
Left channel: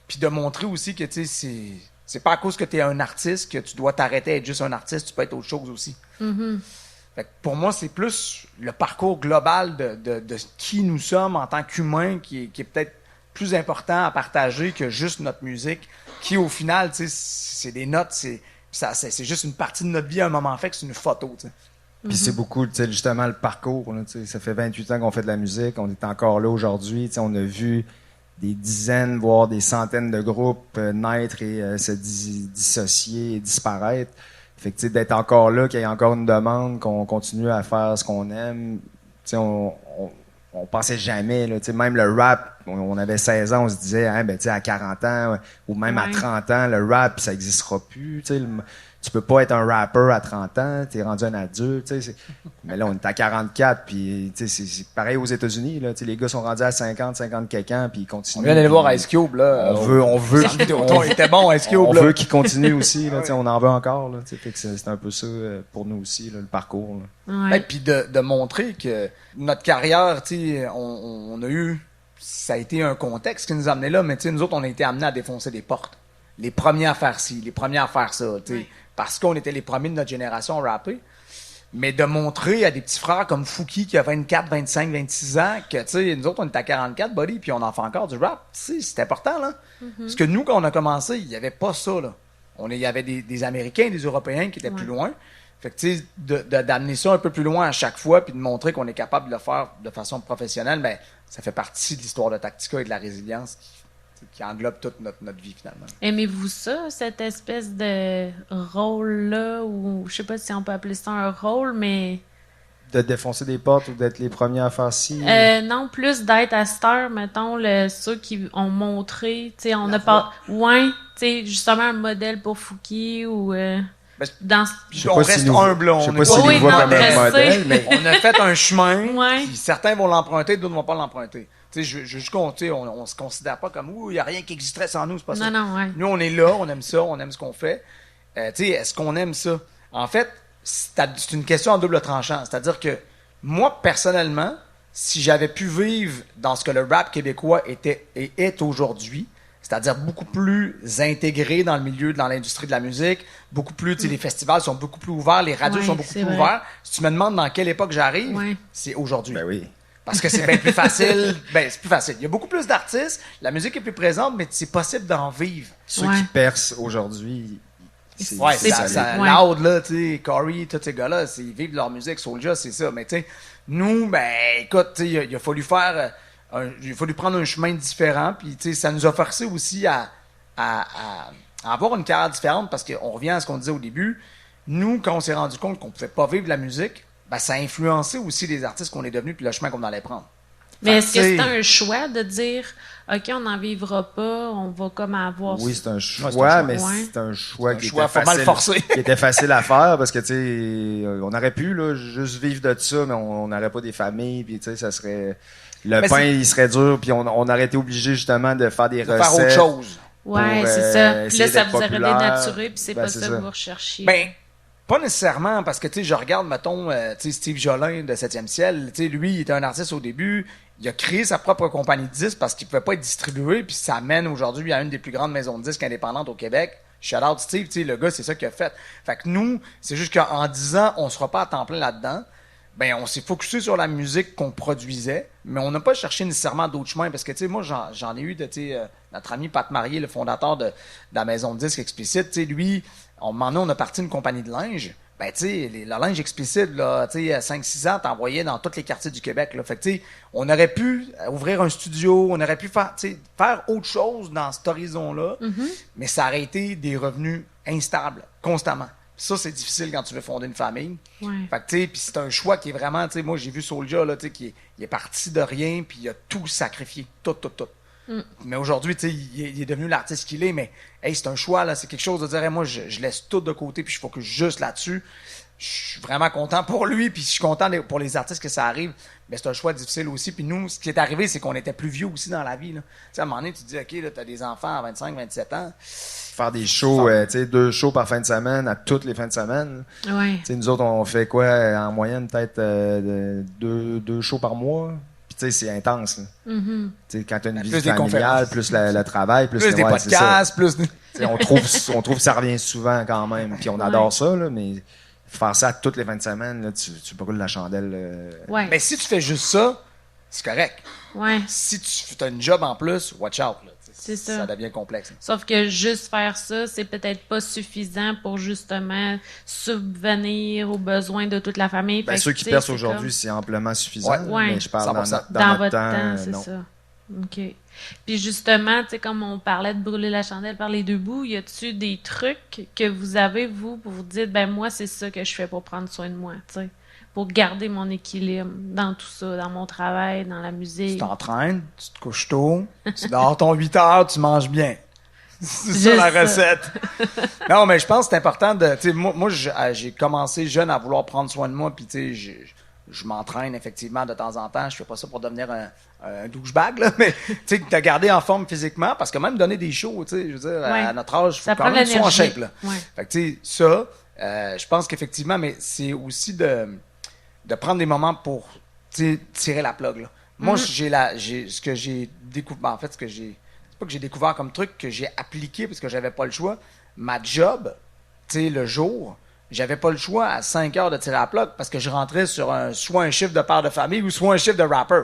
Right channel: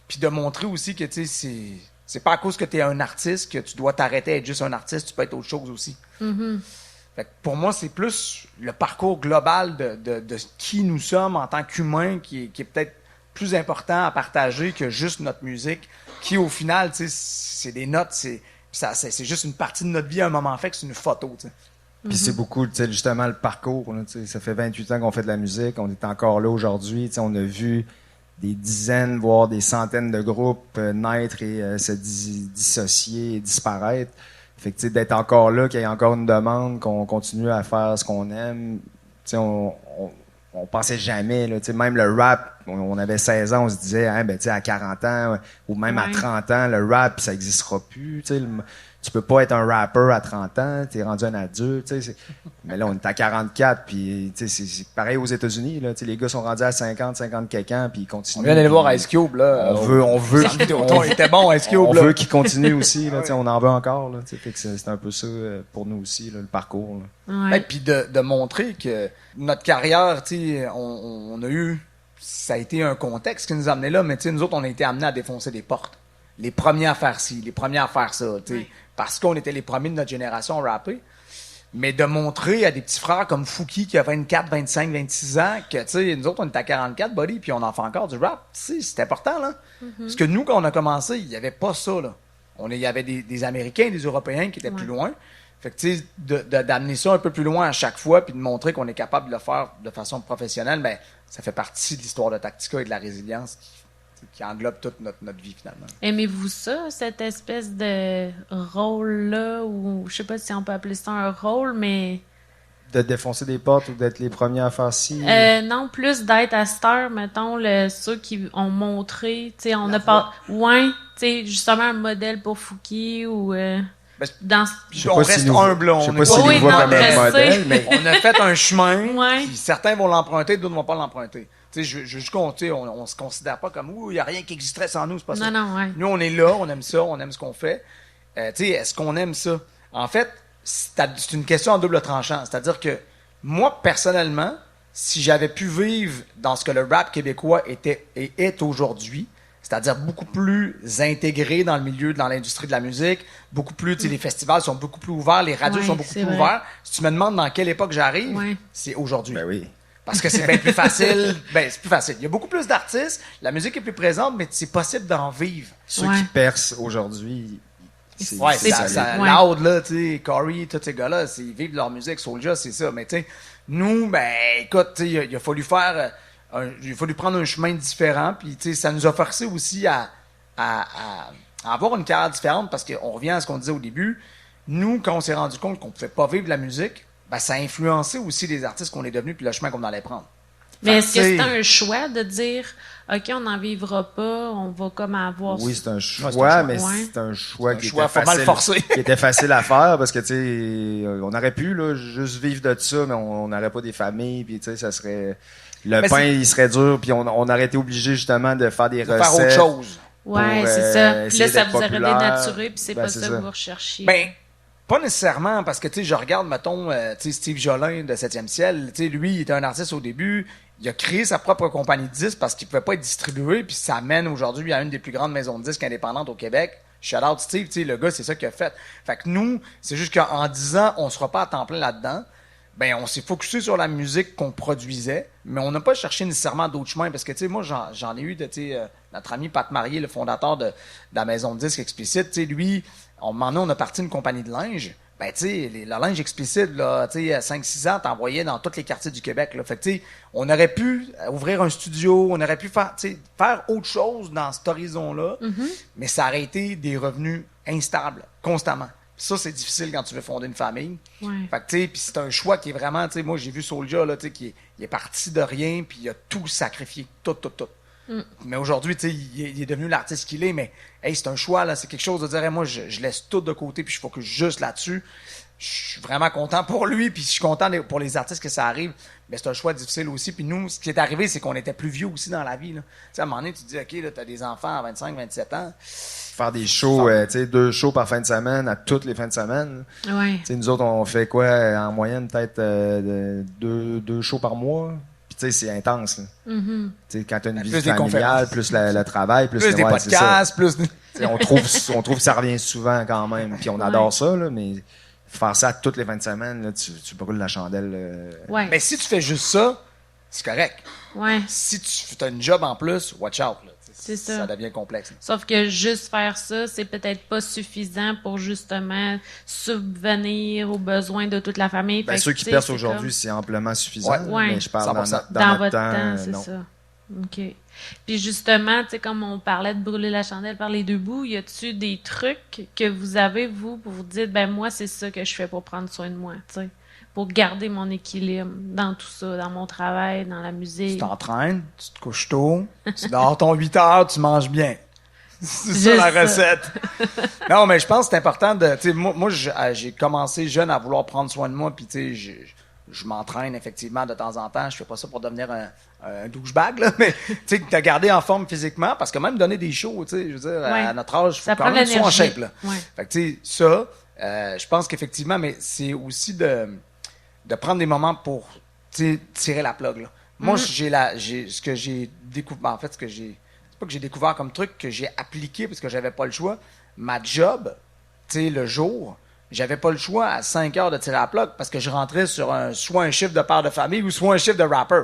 Puis de montrer aussi que, tu sais, c'est pas à cause que tu es un artiste que tu dois t'arrêter à être juste un artiste, tu peux être autre chose aussi. Fait que pour moi, c'est plus le parcours global de qui nous sommes en tant qu'humains qui est peut-être plus important à partager que juste notre musique, qui au final, tu sais, c'est des notes, c'est juste une partie de notre vie à un moment fait, que c'est une photo, tu sais. Puis c'est beaucoup, tu sais, justement, le parcours. Là, tu sais, ça fait 28 ans qu'on fait de la musique, on est encore là aujourd'hui. Tu sais, on a vu des dizaines, voire des centaines de groupes naître et se dissocier et disparaître. Fait que, tu sais, d'être encore là, qu'il y ait encore une demande, qu'on continue à faire ce qu'on aime, tu sais, on pensait jamais, là, même le rap, on avait 16 ans, on se disait, hein, ben, à 40 ans ou même à 30 ans, le rap, ça n'existera plus. Tu peux pas être un rapper à 30 ans, tu es rendu un adulte. Mais là, on est à 44, puis c'est pareil aux États-Unis. Là, les gars sont rendus à 50 quelques ans, puis ils continuent. On vient d'aller voir Ice Cube. Là, on veut était bon, Ice Cube. On veut qu'ils continuent aussi. Là, on en veut encore. Là, fait que c'est un peu ça pour nous aussi, là, le parcours. Et puis de montrer que notre carrière, on a eu... Ça a été un contexte qui nous a amenés là, mais nous autres, on a été amenés à défoncer des portes. Les premiers à faire ci, les premiers à faire ça. Parce qu'on était les premiers de notre génération à rapper. Mais de montrer à des petits frères comme Fouki qui a 24, 25, 26 ans que, nous autres, on est à 44, buddy, puis on en fait encore du rap. C'est important, là. Parce que nous, quand on a commencé, il n'y avait pas ça, là. Il y avait des Américains, des Européens qui étaient plus loin. Fait que, d'amener ça un peu plus loin à chaque fois, puis de montrer qu'on est capable de le faire de façon professionnelle, ben, ça fait partie de l'histoire de Tactica et de la résilience qui englobe toute notre vie, finalement. Aimez-vous ça, cette espèce de rôle-là, ou je sais pas si on peut appeler ça un rôle, mais... De défoncer des portes ou d'être les premiers à faire ci? Non, plus d'être à cette heure, mettons, ceux qui ont montré, tu sais, on a pas... Ouais, tu sais, justement un modèle pour Fouki, ou... on reste humble. Je sais pas si nous voit comme un modèle, mais... On a fait un chemin, puis certains vont l'emprunter, d'autres ne vont pas l'emprunter. On se considère pas comme il n'y a rien qui existerait sans nous, c'est pas ça. Nous, on est là, on aime ça, on aime ce qu'on fait. Est-ce qu'on aime ça? En fait, c'est une question en double tranchant. C'est-à-dire que moi, personnellement, si j'avais pu vivre dans ce que le rap québécois était et est aujourd'hui, c'est-à-dire beaucoup plus intégré dans le milieu, dans l'industrie de la musique, beaucoup plus, les festivals sont beaucoup plus ouverts, les radios sont beaucoup plus ouverts. Si tu me demandes dans quelle époque j'arrive, c'est aujourd'hui. Ben oui. Parce que c'est bien plus facile. C'est plus facile. Il y a beaucoup plus d'artistes, la musique est plus présente, mais c'est possible d'en vivre. Ceux qui percent aujourd'hui, c'est loud, là, Corey, tous ces gars-là, ils vivent leur musique, Soulja, c'est ça. Mais nous, écoute, il a fallu faire... il a fallu prendre un chemin différent, puis ça nous a forcé aussi à avoir une carrière différente, parce qu'on revient à ce qu'on disait au début. Nous, quand on s'est rendu compte qu'on ne pouvait pas vivre la musique, ça a influencé aussi les artistes qu'on est devenus puis le chemin qu'on allait prendre. Mais est-ce que c'est un choix de dire OK, on n'en vivra pas, on va comme avoir... Oui, c'est un choix, mais c'est un choix qui était facile à faire parce que, on aurait pu là, juste vivre de ça, mais on n'aurait pas des familles, puis ça serait... Le pain, il serait dur, puis on aurait été obligé justement de faire des recettes. Faire autre chose. Ouais, c'est ça. Puis là, ça vous aurait dénaturé, puis c'est pas ça que vous recherchiez. Pas nécessairement, parce que je regarde, mettons, Steve Jolin de 7e ciel, lui, il était un artiste au début, il a créé sa propre compagnie de disques parce qu'il ne pouvait pas être distribué, puis ça amène aujourd'hui à une des plus grandes maisons de disques indépendantes au Québec. Shout out Steve, le gars, c'est ça qu'il a fait. Fait que nous, c'est juste qu'en 10 ans, on ne sera pas à temps plein là-dedans. On s'est focusé sur la musique qu'on produisait, mais on n'a pas cherché nécessairement d'autres chemins, parce que, moi, j'en ai eu de, notre ami Pat Marier, le fondateur de la maison de disques Explicite, lui, on a parti une compagnie de linge. Le linge explicite, là, à 5-6 ans, t'envoyais dans tous les quartiers du Québec. Là. Fait que, on aurait pu ouvrir un studio, on aurait pu faire autre chose dans cet horizon-là, mais ça aurait été des revenus instables, constamment. Ça, c'est difficile quand tu veux fonder une famille. Fait que, puis c'est un choix qui est vraiment, moi, j'ai vu Soulja, là, il est parti de rien, puis il a tout sacrifié. Tout. Mais aujourd'hui, il est devenu l'artiste qu'il est, mais c'est un choix, là, c'est quelque chose de dire, moi, je laisse tout de côté, puis je focus juste là-dessus. Je suis vraiment content pour lui, puis je suis content pour les artistes que ça arrive, mais c'est un choix difficile aussi. Puis nous, ce qui est arrivé, c'est qu'on était plus vieux aussi dans la vie. Là. À un moment donné, tu te dis, OK, là, t'as des enfants à 25, 27 ans. Faire des shows, 2 shows par fin de semaine, à toutes les fins de semaine. Nous autres, on fait quoi, en moyenne, peut-être 2 shows par mois. C'est intense. Quand tu as une vie familiale, plus le travail, plus des podcasts, plus... on trouve que ça revient souvent quand même. Puis on adore ça, là, mais faire ça toutes les fins de semaine, là, tu brûles la chandelle. Mais si tu fais juste ça, c'est correct. Ouais. Si tu as une job en plus, watch out. Là. C'est ça. Ça devient complexe. Sauf que juste faire ça, c'est peut-être pas suffisant pour justement subvenir aux besoins de toute la famille. Ceux qui percent aujourd'hui, c'est amplement suffisant. Ouais. Mais je parle dans votre temps, c'est ça. OK. Puis justement, comme on parlait de brûler la chandelle par les deux bouts, y a-tu des trucs que vous avez, vous, pour vous dire, moi, c'est ça que je fais pour prendre soin de moi, t'sais? pour garder mon équilibre dans tout ça, dans mon travail, dans la Tu musique. t'entraînes, tu te couches tôt, tu dors ton 8 heures, tu manges bien. C'est ça la Juste ça. recette. Non, mais je pense que c'est important de. Tu sais, moi j'ai commencé jeune à vouloir prendre soin de moi, puis tu sais, je m'entraîne effectivement de temps en temps. Je fais pas ça pour devenir un douchebag, là, mais tu sais, te garder en forme physiquement, parce que même donner des shows, tu sais, je veux dire, Ouais. à notre âge, il faut Ça quand prend de même soit en l'énergie. shape, là. Ouais. Fait que tu sais, ça, je pense qu'effectivement, mais c'est aussi de prendre des moments pour tu sais, tirer la plug, là. Moi, ce que j'ai découvert, en fait, c'est pas que j'ai découvert comme truc, que j'ai appliqué parce que j'avais pas le choix. Ma job, tu sais, le jour, j'avais pas le choix à 5 heures de tirer la plug parce que je rentrais sur soit un chiffre de père de famille ou soit un chiffre de rapper.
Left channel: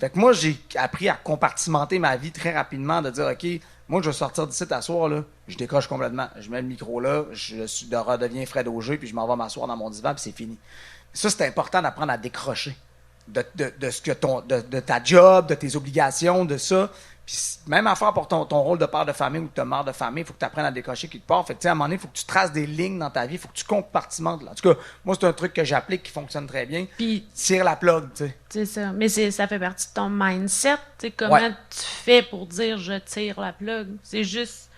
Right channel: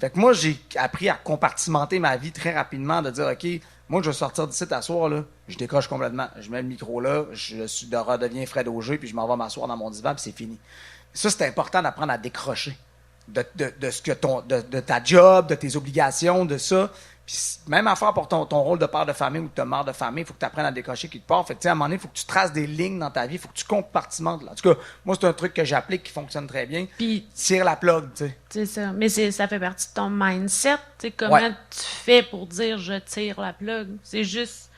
Fait que moi, j'ai appris à compartimenter ma vie très rapidement, de dire, OK, moi, je vais sortir d'ici à soir, là, je décroche complètement. Je mets le micro là, redeviens Fred Auger, puis je m'en vais m'asseoir dans mon divan, puis c'est fini. Ça, c'est important d'apprendre à décrocher de ce que de ta job, de tes obligations, de ça. Puis même affaire pour ton rôle de père de famille ou de mère de famille, il faut que tu apprennes à décrocher quelque part. Fait que, tu sais, à un moment donné, il faut que tu traces des lignes dans ta vie, il faut que tu compartimentes. Là. En tout cas, moi, c'est un truc que j'applique qui fonctionne très bien. Puis, Tire la plug, tu sais. c'est ça. Mais ça fait partie de ton mindset. Tu sais, comment Ouais. tu fais pour dire je tire la plug? C'est juste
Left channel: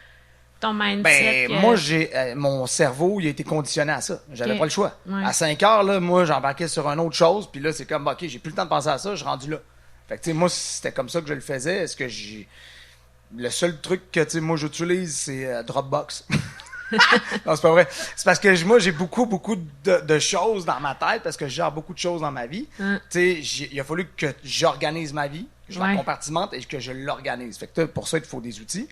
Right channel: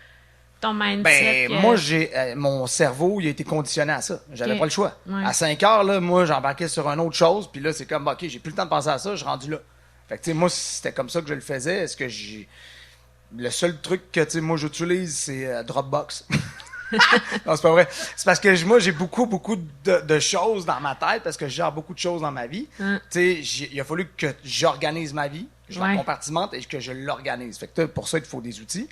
ton mindset. Ben, que- moi, mon cerveau, il a été conditionné à ça. J'avais Ok. pas le choix. Ouais. À 5 heures, là, moi, j'embarquais sur une autre chose, puis là, c'est comme, OK, j'ai plus le temps de penser à ça, je suis rendu là. Fait que, tu sais, moi, c'était comme ça que je le faisais. Est-ce que j'ai. Le seul truc que, tu sais, moi, j'utilise, c'est Dropbox. Non, c'est pas vrai. C'est parce que moi, j'ai beaucoup de choses dans ma tête, parce que je gère beaucoup de choses dans ma vie. Hein. Tu sais, il a fallu que j'organise ma vie, que je la Ouais. compartimente et que je l'organise. Fait que pour ça, il te faut des outils.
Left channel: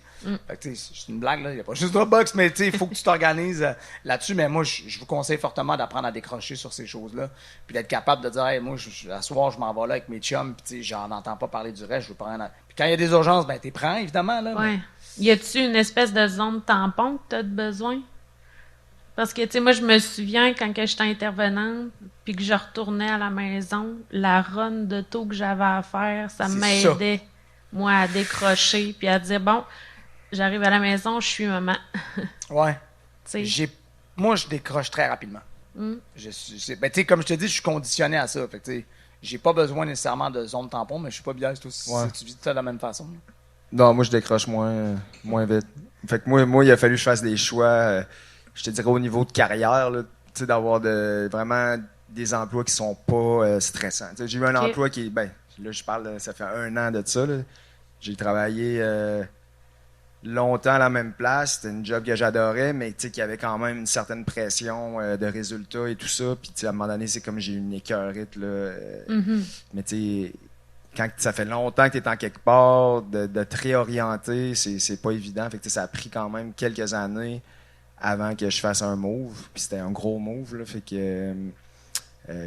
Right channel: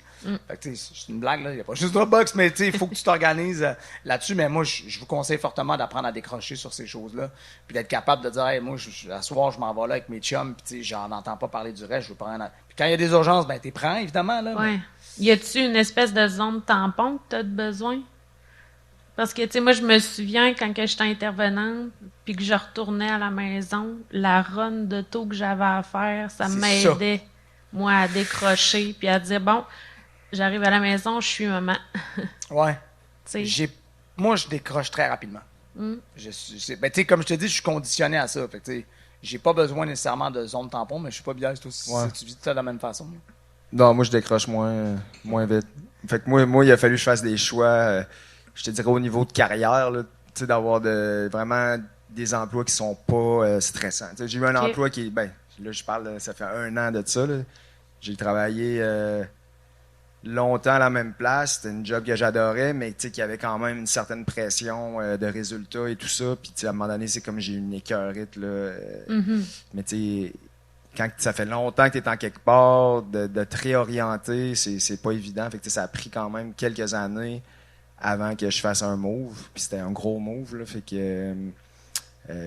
Fait que tu sais, c'est une blague, là. Il n'y a pas juste Dropbox, mais tu sais, il faut que tu t'organises là-dessus. Mais moi, je vous conseille fortement d'apprendre à décrocher sur ces choses-là. Puis d'être capable de dire, hey, moi, à soir, je m'en vais là avec mes chums, puis tu sais, j'en entends pas parler du reste, je veux prendre. Puis quand il y a des urgences, ben, t'es prends, évidemment, là. Ouais. Y a-tu une espèce de zone tampon que tu as besoin? Parce que, tu sais, moi, je me souviens quand que j'étais intervenante, puis que je retournais à la maison, la run de taux que j'avais à faire, ça C'est m'aidait, moi, à décrocher, puis à dire, bon, j'arrive à la maison, je suis maman. Ouais. Tu sais, Moi, je décroche très rapidement. Mm. Ben, tu sais, comme je te dis, je suis conditionné à ça. Fait que, tu sais, j'ai pas besoin nécessairement de zone tampon, mais je suis pas bien si Ouais. tu vis ça de la même façon. Non, moi, je décroche moins vite. Fait que moi, il a fallu que je fasse des choix, je te dirais, au niveau de carrière, là, tu sais, d'avoir vraiment des emplois qui sont pas stressants. Tu sais, j'ai eu un Ok. emploi qui est, ben, là, je parle, ça fait 1 an de ça, là. J'ai travaillé longtemps à la même place. C'était une job que j'adorais, mais tu sais, qui avait quand même une certaine pression de résultats et tout ça. Puis, tu sais, à un moment donné, c'est comme j'ai une écœurite, là. Mhm. Mais tu sais, quand ça fait longtemps que tu es en quelque part, de te réorienter, c'est pas évident. Fait que, tu sais, ça a pris quand même quelques années avant que je fasse un move. Puis c'était un gros move, là. Fait que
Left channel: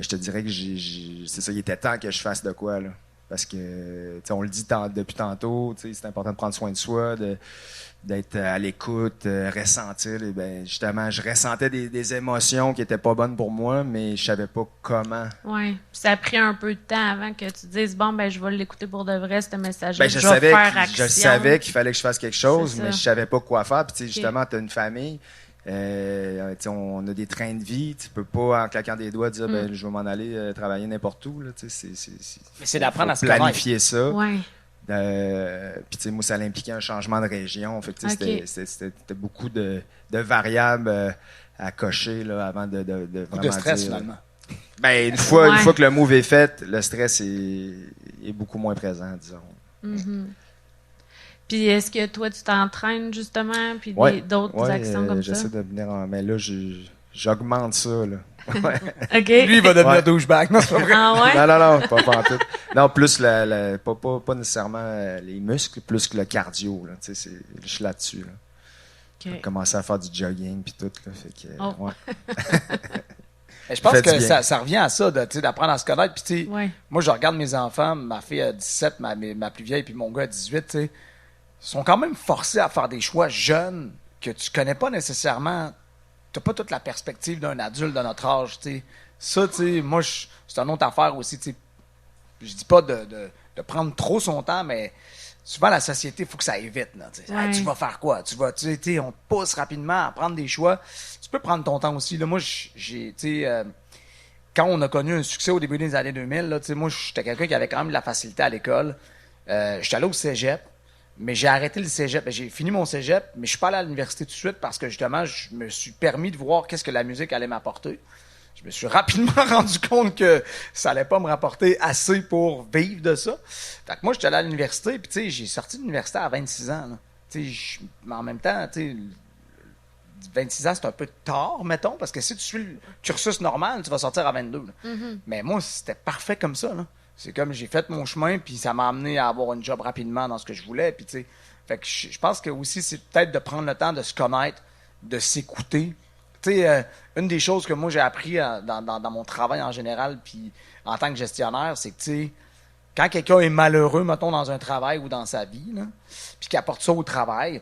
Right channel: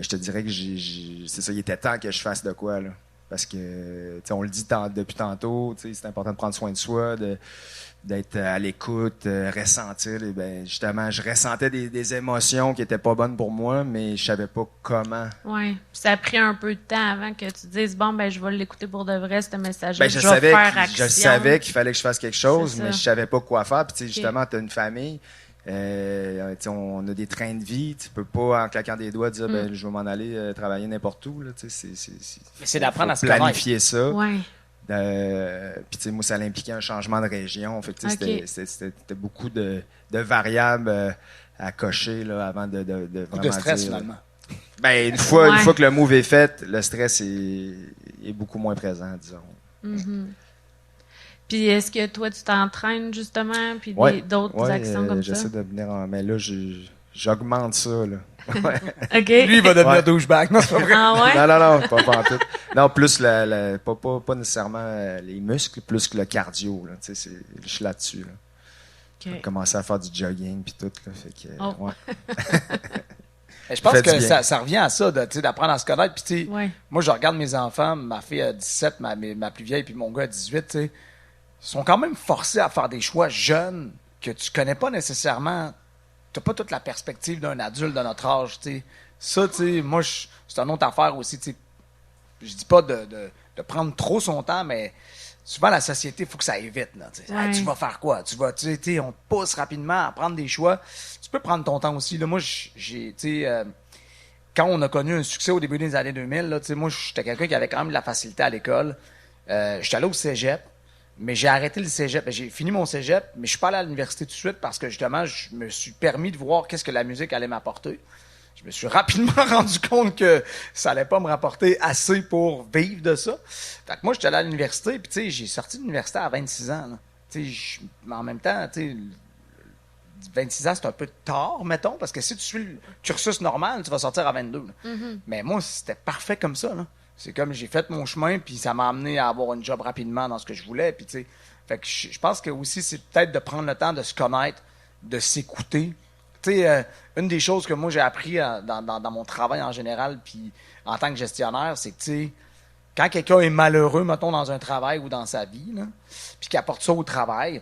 je te dirais que c'est ça, il était temps que je fasse de quoi, là. Parce que, tu sais, on le dit depuis tantôt, tu sais, c'est important de prendre soin de soi, d'être à l'écoute, ressentir. Et ben, justement, je ressentais des émotions qui étaient pas bonnes pour moi, mais je savais pas comment. Ouais. Puis ça a pris un peu de temps avant que tu dises, bon, ben, je vais l'écouter pour de vrai, ce message. Ben, je vais faire action. je savais qu'il fallait que je fasse quelque chose, C'est mais ça. je savais pas quoi faire. Puis, tu sais, Ok. justement, tu as une famille, tu sais, on a des trains de vie. Tu peux pas, en claquant des doigts, dire, ben, je vais m'en aller travailler n'importe où. Là, tu sais, Mais c'est d'apprendre faut à se connaître. planifier ça. Ouais. Puis, tu sais, moi, ça impliquait un changement de région. Fait que, tu sais, Ok. c'était beaucoup de variables à cocher là, avant de Beaucoup de vraiment stress, dire- finalement. Ben, une Ouais. fois que le move est fait, le stress est beaucoup moins présent, disons. Mhm. Puis est-ce que toi, tu t'entraînes justement, puis Ouais, d'autres actions comme ça? j'essaie de venir mais là, j'augmente ça, là. Ouais. OK. Lui, il va devenir Ouais. douchebag. Non, c'est pas vrai. Ah ouais? Non, pas pantoute. Non, plus pas nécessairement les muscles, plus que le cardio, là. Tu sais, je suis là-dessus, là. OK. J'ai commencé à faire du jogging, puis tout, là. Fait que, Oh. ouais. Mais je pense Fait du que bien. ça revient à ça, tu sais, d'apprendre à se connaître. Puis, tu sais, Ouais. moi, je regarde mes enfants, ma fille a 17, ma plus vieille, puis mon gars a 18, tu sais, sont quand même forcés à faire des choix jeunes que tu connais pas nécessairement. T'as pas toute la perspective d'un adulte de notre âge, tu sais. Ça, tu sais, moi, c'est une autre affaire aussi, tu sais. Je dis pas de prendre trop son temps, mais souvent, la société, il faut que ça aille vite, là. Tu sais. Ouais. Ah, tu vas faire quoi? Tu sais, on te pousse rapidement à prendre des choix. Tu peux prendre ton temps aussi. Là, moi, j'ai, tu sais, quand on a connu un succès au début des années 2000, là, moi, j'étais quelqu'un qui avait quand même de la facilité à l'école. J'étais allé au cégep, mais j'ai arrêté le cégep. J'ai fini mon cégep, mais je suis pas allé à l'université tout de suite parce que justement, je me suis permis de voir qu'est-ce que la musique allait m'apporter. Je me suis rapidement rendu compte que ça allait pas me rapporter assez pour vivre de ça. Fait que moi, j'étais allé à l'université, puis tu sais, j'ai sorti de l'université à 26 ans. Mais en même temps, tu sais, 26 ans, c'est un peu tard, mettons, parce que si tu suis le cursus normal, tu vas sortir à 22. Mais moi, c'était parfait comme ça. Là. C'est comme j'ai fait mon chemin, puis ça m'a amené à avoir un job rapidement dans ce que je voulais. Puis, tu sais, fait que je pense que aussi, c'est peut-être de prendre le temps de se connaître, de s'écouter. Tu sais, une des choses que moi, j'ai appris dans mon travail en général, puis en tant que gestionnaire, c'est que, tu sais, quand quelqu'un est malheureux, mettons, dans un travail ou dans sa vie, là, puis qu'il apporte ça au travail,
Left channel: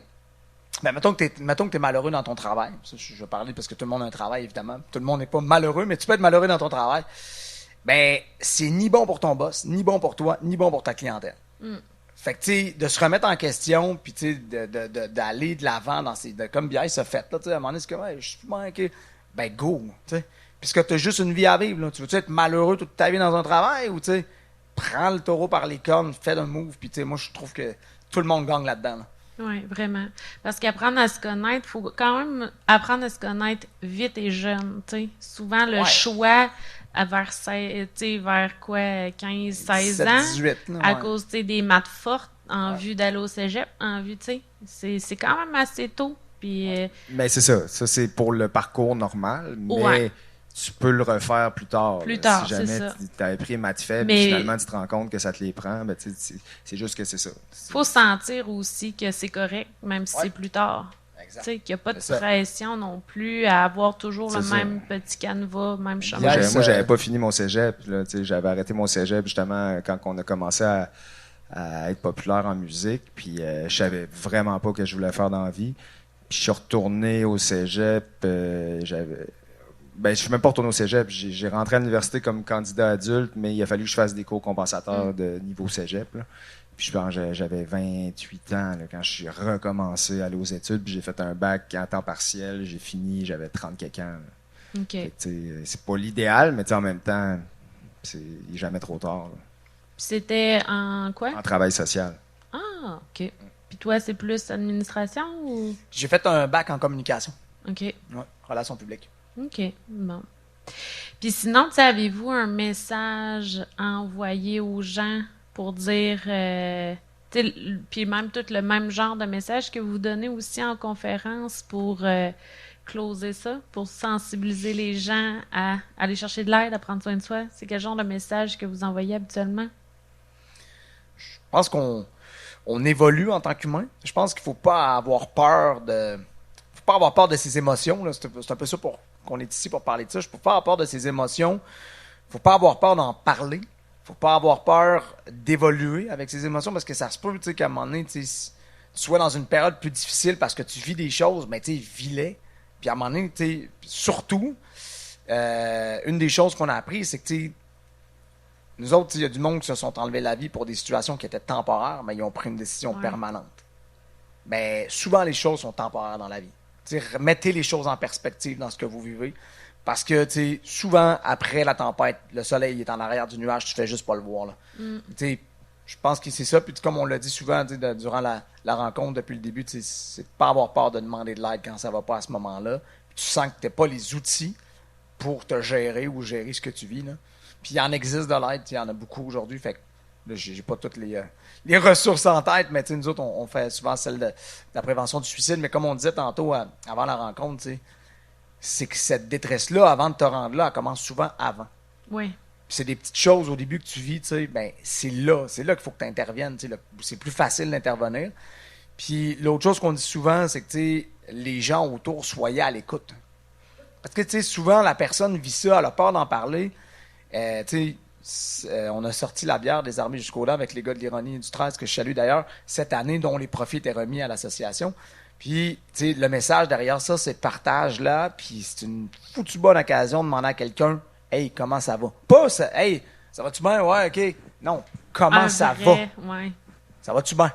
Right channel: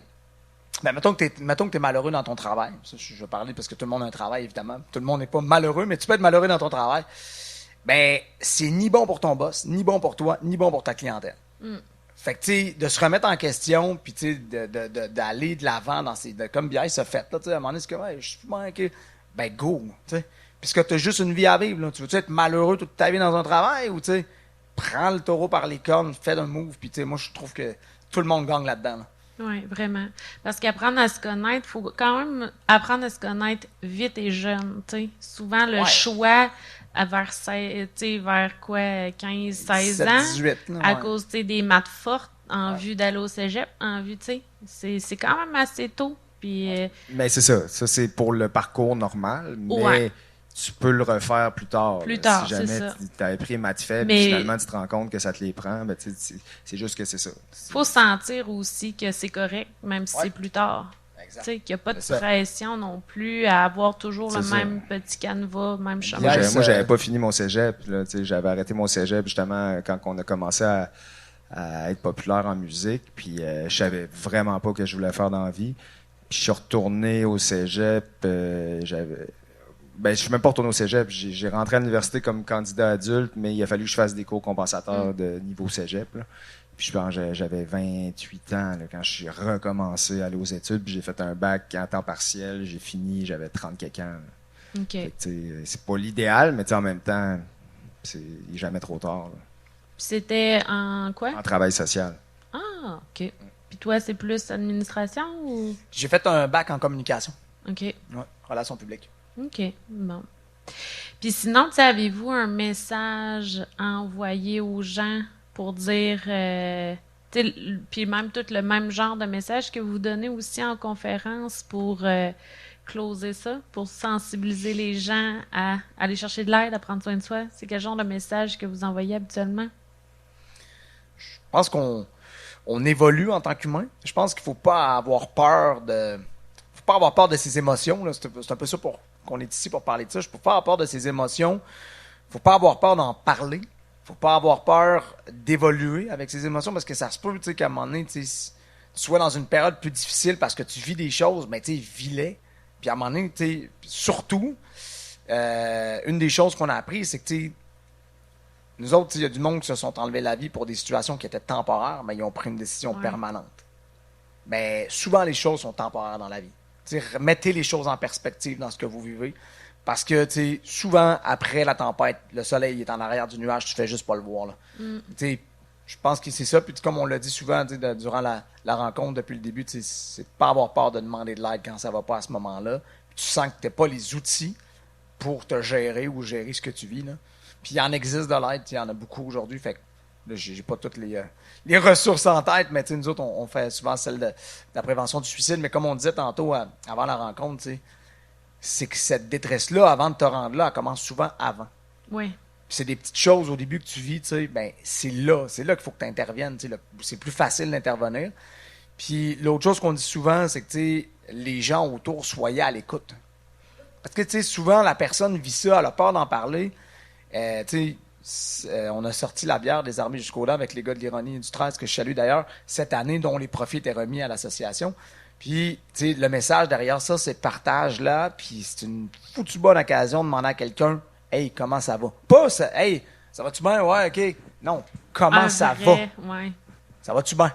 ben, mettons que tu es malheureux dans ton travail. Ça, je vais parler parce que tout le monde a un travail, évidemment. Tout le monde n'est pas malheureux, mais tu peux être malheureux dans ton travail. Ben, c'est ni bon pour ton boss, ni bon pour toi, ni bon pour ta clientèle. Fait que, tu sais, de se remettre en question, puis, tu sais, d'aller de l'avant dans ces. Comme Biaï s'est fait, là, tu sais, à un moment donné, c'est comme, ouais, je suis manqué. Ben, go, tu sais. Puisque tu as juste une vie à vivre, là. Tu veux-tu être malheureux toute ta vie dans un travail, ou, tu sais, prends le taureau par les cornes, fais un move, puis, tu sais, moi, je trouve que tout le monde gagne là-dedans, là. Oui, vraiment. Parce qu'apprendre à se connaître, il faut quand même apprendre à se connaître vite et jeune, tu sais. Souvent, le choix vers, vers quoi, 15, 16 ans, 18, là, à cause des maths fortes, en vue d'aller au cégep, en vue, tu sais, c'est quand même assez tôt. Puis, Mais c'est ça. Ça, c'est pour le parcours normal, mais tu peux le refaire plus tard. Plus tard, si jamais c'est ça. tu avais pris maths faibles, Mais- puis finalement tu te rends compte que ça te les prend, ben, c'est juste que c'est ça. faut sentir aussi que c'est correct, même si c'est plus tard. Exact. Tu sais, qu'il n'y a pas de C'est ça. pression non plus à avoir toujours le C'est ça. même petit canevas, même chemin. Moi, Yes, j'avais pas fini mon cégep. Là, j'avais arrêté mon cégep justement quand on a commencé à être populaire en musique. Puis je savais vraiment pas ce que je voulais faire dans la vie. Puis je suis retourné au cégep. Je suis même pas retourné au cégep. J'ai rentré à l'université comme candidat adulte, mais il a fallu que je fasse des cours compensateurs de niveau cégep. Là. Puis je pense que j'avais 28 ans là, quand je suis recommencé à aller aux études. Puis j'ai fait un bac en temps partiel. J'ai fini, j'avais 30 quelques ans. Là. OK. Fait que, c'est pas l'idéal, mais en même temps, il est jamais trop tard. Là. Puis c'était en quoi? En travail social. Ah, OK. Puis toi, c'est plus administration ou... J'ai fait un bac en communication. OK. Ouais, relations publiques. OK. Bon. Puis sinon, tu sais, avez-vous un message à envoyer aux gens pour dire... tu sais, puis même tout le même genre de message que vous donnez aussi en conférence pour closer ça, pour sensibiliser les gens à aller chercher de l'aide, à prendre soin de soi? C'est quel genre de message que vous envoyez habituellement? Je pense qu'on évolue en tant qu'humain. Je pense qu'il faut pas avoir peur de ses émotions. Là. C'est un peu ça qu'on est ici pour parler de ça. Il ne faut pas avoir peur de ses émotions. Il ne faut pas avoir peur d'en parler. Il ne faut pas avoir peur d'évoluer avec ses émotions parce que ça se peut qu'à un moment donné, tu sois dans une période plus difficile parce que tu vis des choses, mais tu vis-les. Puis à un moment donné, surtout, une des choses qu'on a appris, c'est que nous autres, il y a du monde qui se sont enlevés la vie pour des situations qui étaient temporaires, mais ils ont pris une décision permanente. Mais souvent, les choses sont temporaires dans la vie. Remettez les choses en perspective dans ce que vous vivez. Parce que souvent, après la tempête, le soleil est en arrière du nuage, tu fais juste pas le voir. Là. Je pense que c'est ça. Puis comme on l'a dit souvent durant la rencontre depuis le début, c'est de ne pas avoir peur de demander de l'aide quand ça va pas à ce moment-là. Puis tu sens que tu n'as pas les outils pour te gérer ou gérer ce que tu vis. Là. Puis il en existe de l'aide, il y en a beaucoup aujourd'hui. Fait que là, j'ai pas toutes les ressources en tête, mais nous autres, on fait souvent celle de la prévention du suicide. Mais comme on disait tantôt avant la rencontre, c'est que cette détresse-là, avant de te rendre là, elle commence souvent avant. Oui. Puis c'est des petites choses au début que tu vis, ben c'est là qu'il faut que tu interviennes. C'est plus facile d'intervenir. Puis l'autre chose qu'on dit souvent, c'est que les gens autour, soyez à l'écoute. Parce que souvent, la personne vit ça, elle a peur d'en parler. On a sorti la bière des armées jusqu'au-là avec les gars de l'Ironie et du 13, que je salue d'ailleurs, cette année, dont les profits étaient remis à l'association. Puis, le message derrière ça, c'est partage-là, puis c'est une foutue bonne occasion de demander à quelqu'un « Hey, comment ça va? » Pas ça, « Hey, ça va-tu bien? Ouais, OK. » Non, « Comment ça va? » Ouais. Ça va-tu bien?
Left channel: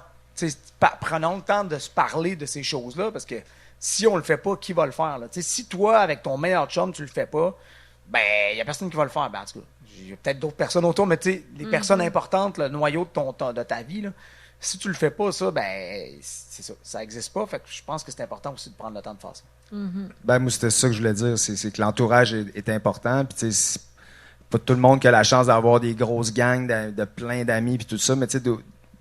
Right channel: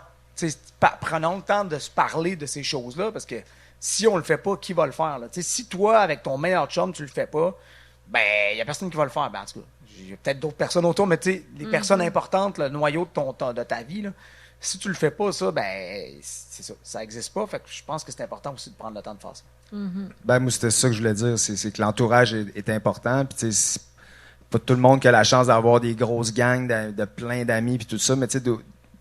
Prenons le temps de se parler de ces choses-là, parce que si on le fait pas, qui va le faire? Là? Si toi, avec ton meilleur chum, tu le fais pas, ben, il n'y a personne qui va le faire. Ben, en tout cas, j'ai peut-être d'autres personnes autour, mais tu sais, les personnes importantes, le noyau de ta vie, là, si tu le fais pas, ça, ben, c'est ça. Ça n'existe pas. Fait que je pense que c'est important aussi de prendre le temps de faire ça. Ben, moi, c'était ça que je voulais dire. C'est que l'entourage est important. Puis, tu sais, c'est pas tout le monde qui a la chance d'avoir des grosses gangs de plein d'amis, puis tout ça. Mais, tu sais,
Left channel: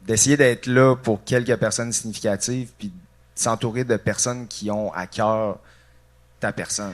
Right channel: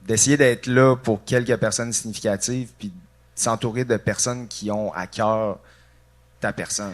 d'essayer d'être là pour quelques personnes significatives, puis s'entourer de personnes qui ont à cœur ta personne.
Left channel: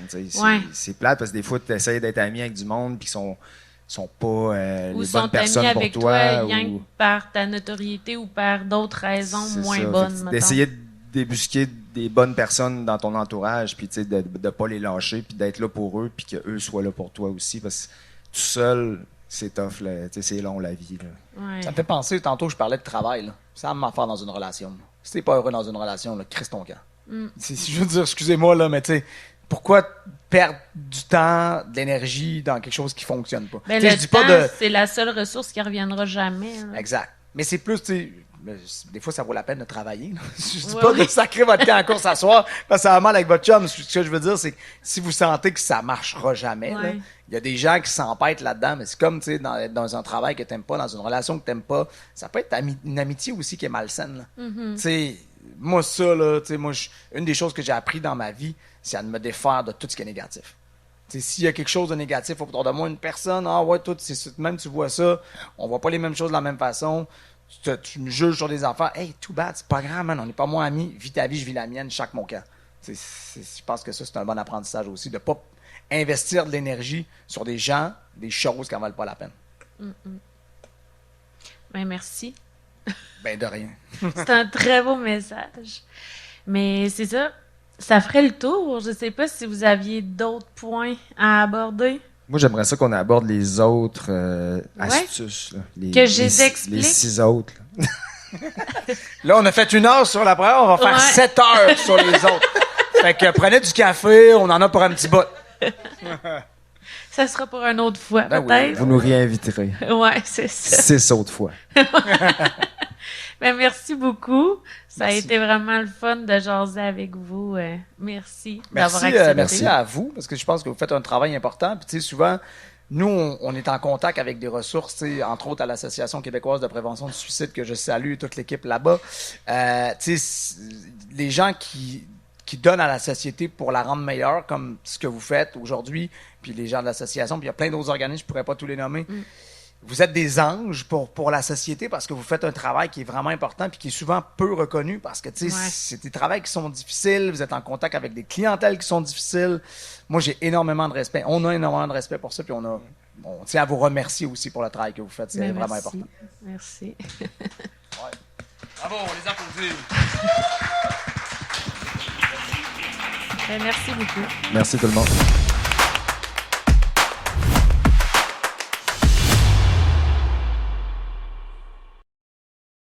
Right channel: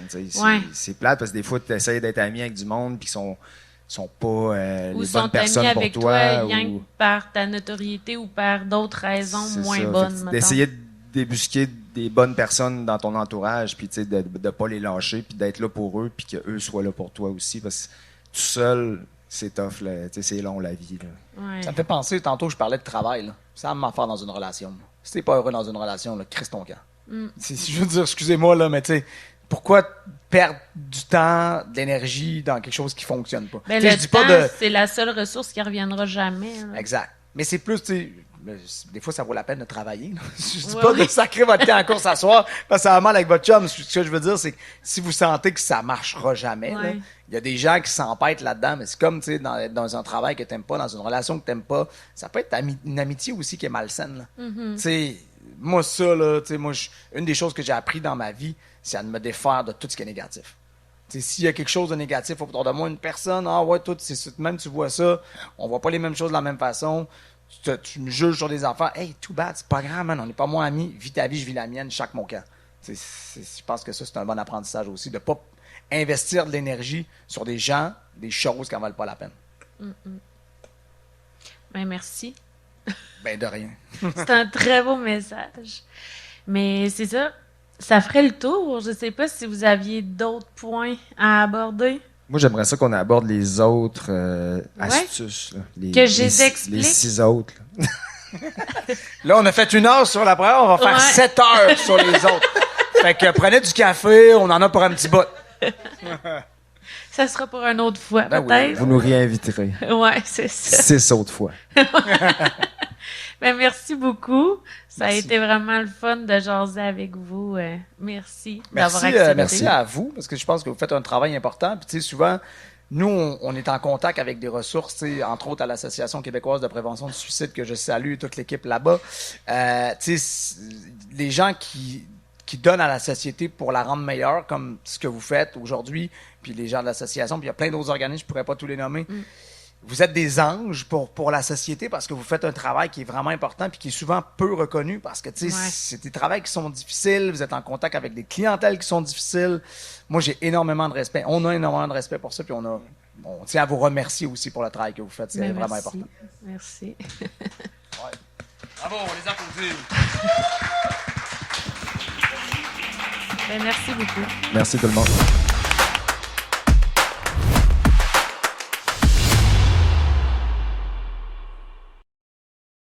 C'est plate parce que des fois, tu essaies d'être ami avec du monde, puis qui sont pas les bonnes personnes pour avec toi. rien que par ta notoriété ou par d'autres raisons moins bonnes. D'essayer de débusquer des bonnes personnes dans ton entourage, puis de ne pas les lâcher, puis d'être là pour eux, puis qu'eux soient là pour toi aussi. Parce que tout seul, c'est tough, là, c'est long la vie. Là. Ouais. Ça me fait penser, tantôt, je parlais de travail. Là. Ça me faire dans une relation. Là. Si t'es pas heureux dans une relation, là, crisse ton camp. Je veux dire, excusez-moi, là, mais tu sais, pourquoi perdre du temps, de l'énergie dans quelque chose qui fonctionne pas? Mais le temps, c'est la seule ressource qui reviendra jamais. Là. Exact. Mais c'est plus, tu sais, des fois, ça vaut la peine de travailler. Là. Je dis pas de sacrer votre camp encore s'asseoir, parce que ça va mal avec votre chum. Ce que je veux dire, c'est que si vous sentez que ça marchera jamais, là, il y a des gens qui s'empêtent là-dedans, mais c'est comme, tu sais, dans un travail que t'aimes pas, dans une relation que t'aimes pas, ça peut être une amitié aussi qui est malsaine. Tu sais, moi, ça, là, tu sais, moi, une des choses que j'ai appris dans ma vie, c'est à me défaire de tout ce qui est négatif. Tu sais, s'il y a quelque chose de négatif autour de moi, une personne, ah ouais, toi, même tu vois ça, on voit pas les mêmes choses de la même façon, tu me juges sur des affaires, hey, too bad, c'est pas grave, man, on n'est pas moins amis, vis ta vie, je vis la mienne, chaque mon camp. Je pense que ça, c'est un bon apprentissage aussi, de pas investir de l'énergie sur des gens, des choses qui n'en valent pas la peine. Ben, merci. Ben, de rien. C'est un très beau message. Mais c'est ça, ça ferait le tour. Je sais pas si vous aviez d'autres points à aborder. Moi, j'aimerais ça qu'on aborde les autres astuces. Là. Que je les explique. Les 6 autres. Là, on a fait 1 heure sur la première, on va faire 7 heures sur les autres. Fait que prenez du café, on en a pour un petit bout. Ça sera pour une autre fois, Ben peut-être. oui, vous nous réinviterez. Ouais, c'est ça. 6 autres fois. Ben, merci beaucoup. Ça Merci. a été vraiment le fun de jaser avec vous. Merci d'avoir accepté. Merci à vous, parce que je pense que vous faites un travail important. Puis, tu sais, souvent, nous, on est en contact avec des ressources, tu sais, entre autres à l'Association québécoise de prévention du suicide, que je salue, toute l'équipe là-bas. Tu sais, les gens qui donnent à la société pour la rendre meilleure, comme ce que vous faites aujourd'hui, puis les gens de l'association, puis il y a plein d'autres organismes, je ne pourrais pas tous les nommer. Vous êtes des anges pour la société parce que vous faites un travail qui est vraiment important puis qui est souvent peu reconnu parce que, tu sais, c'est des travails qui sont difficiles, vous êtes en contact avec des clientèles qui sont difficiles. Moi, j'ai énormément de respect. On a énormément de respect pour ça, puis on tient à vous remercier aussi pour le travail que vous faites. C'est vraiment important. Merci. Bravo, on les applaudit. Ben, merci beaucoup. Merci tout le monde.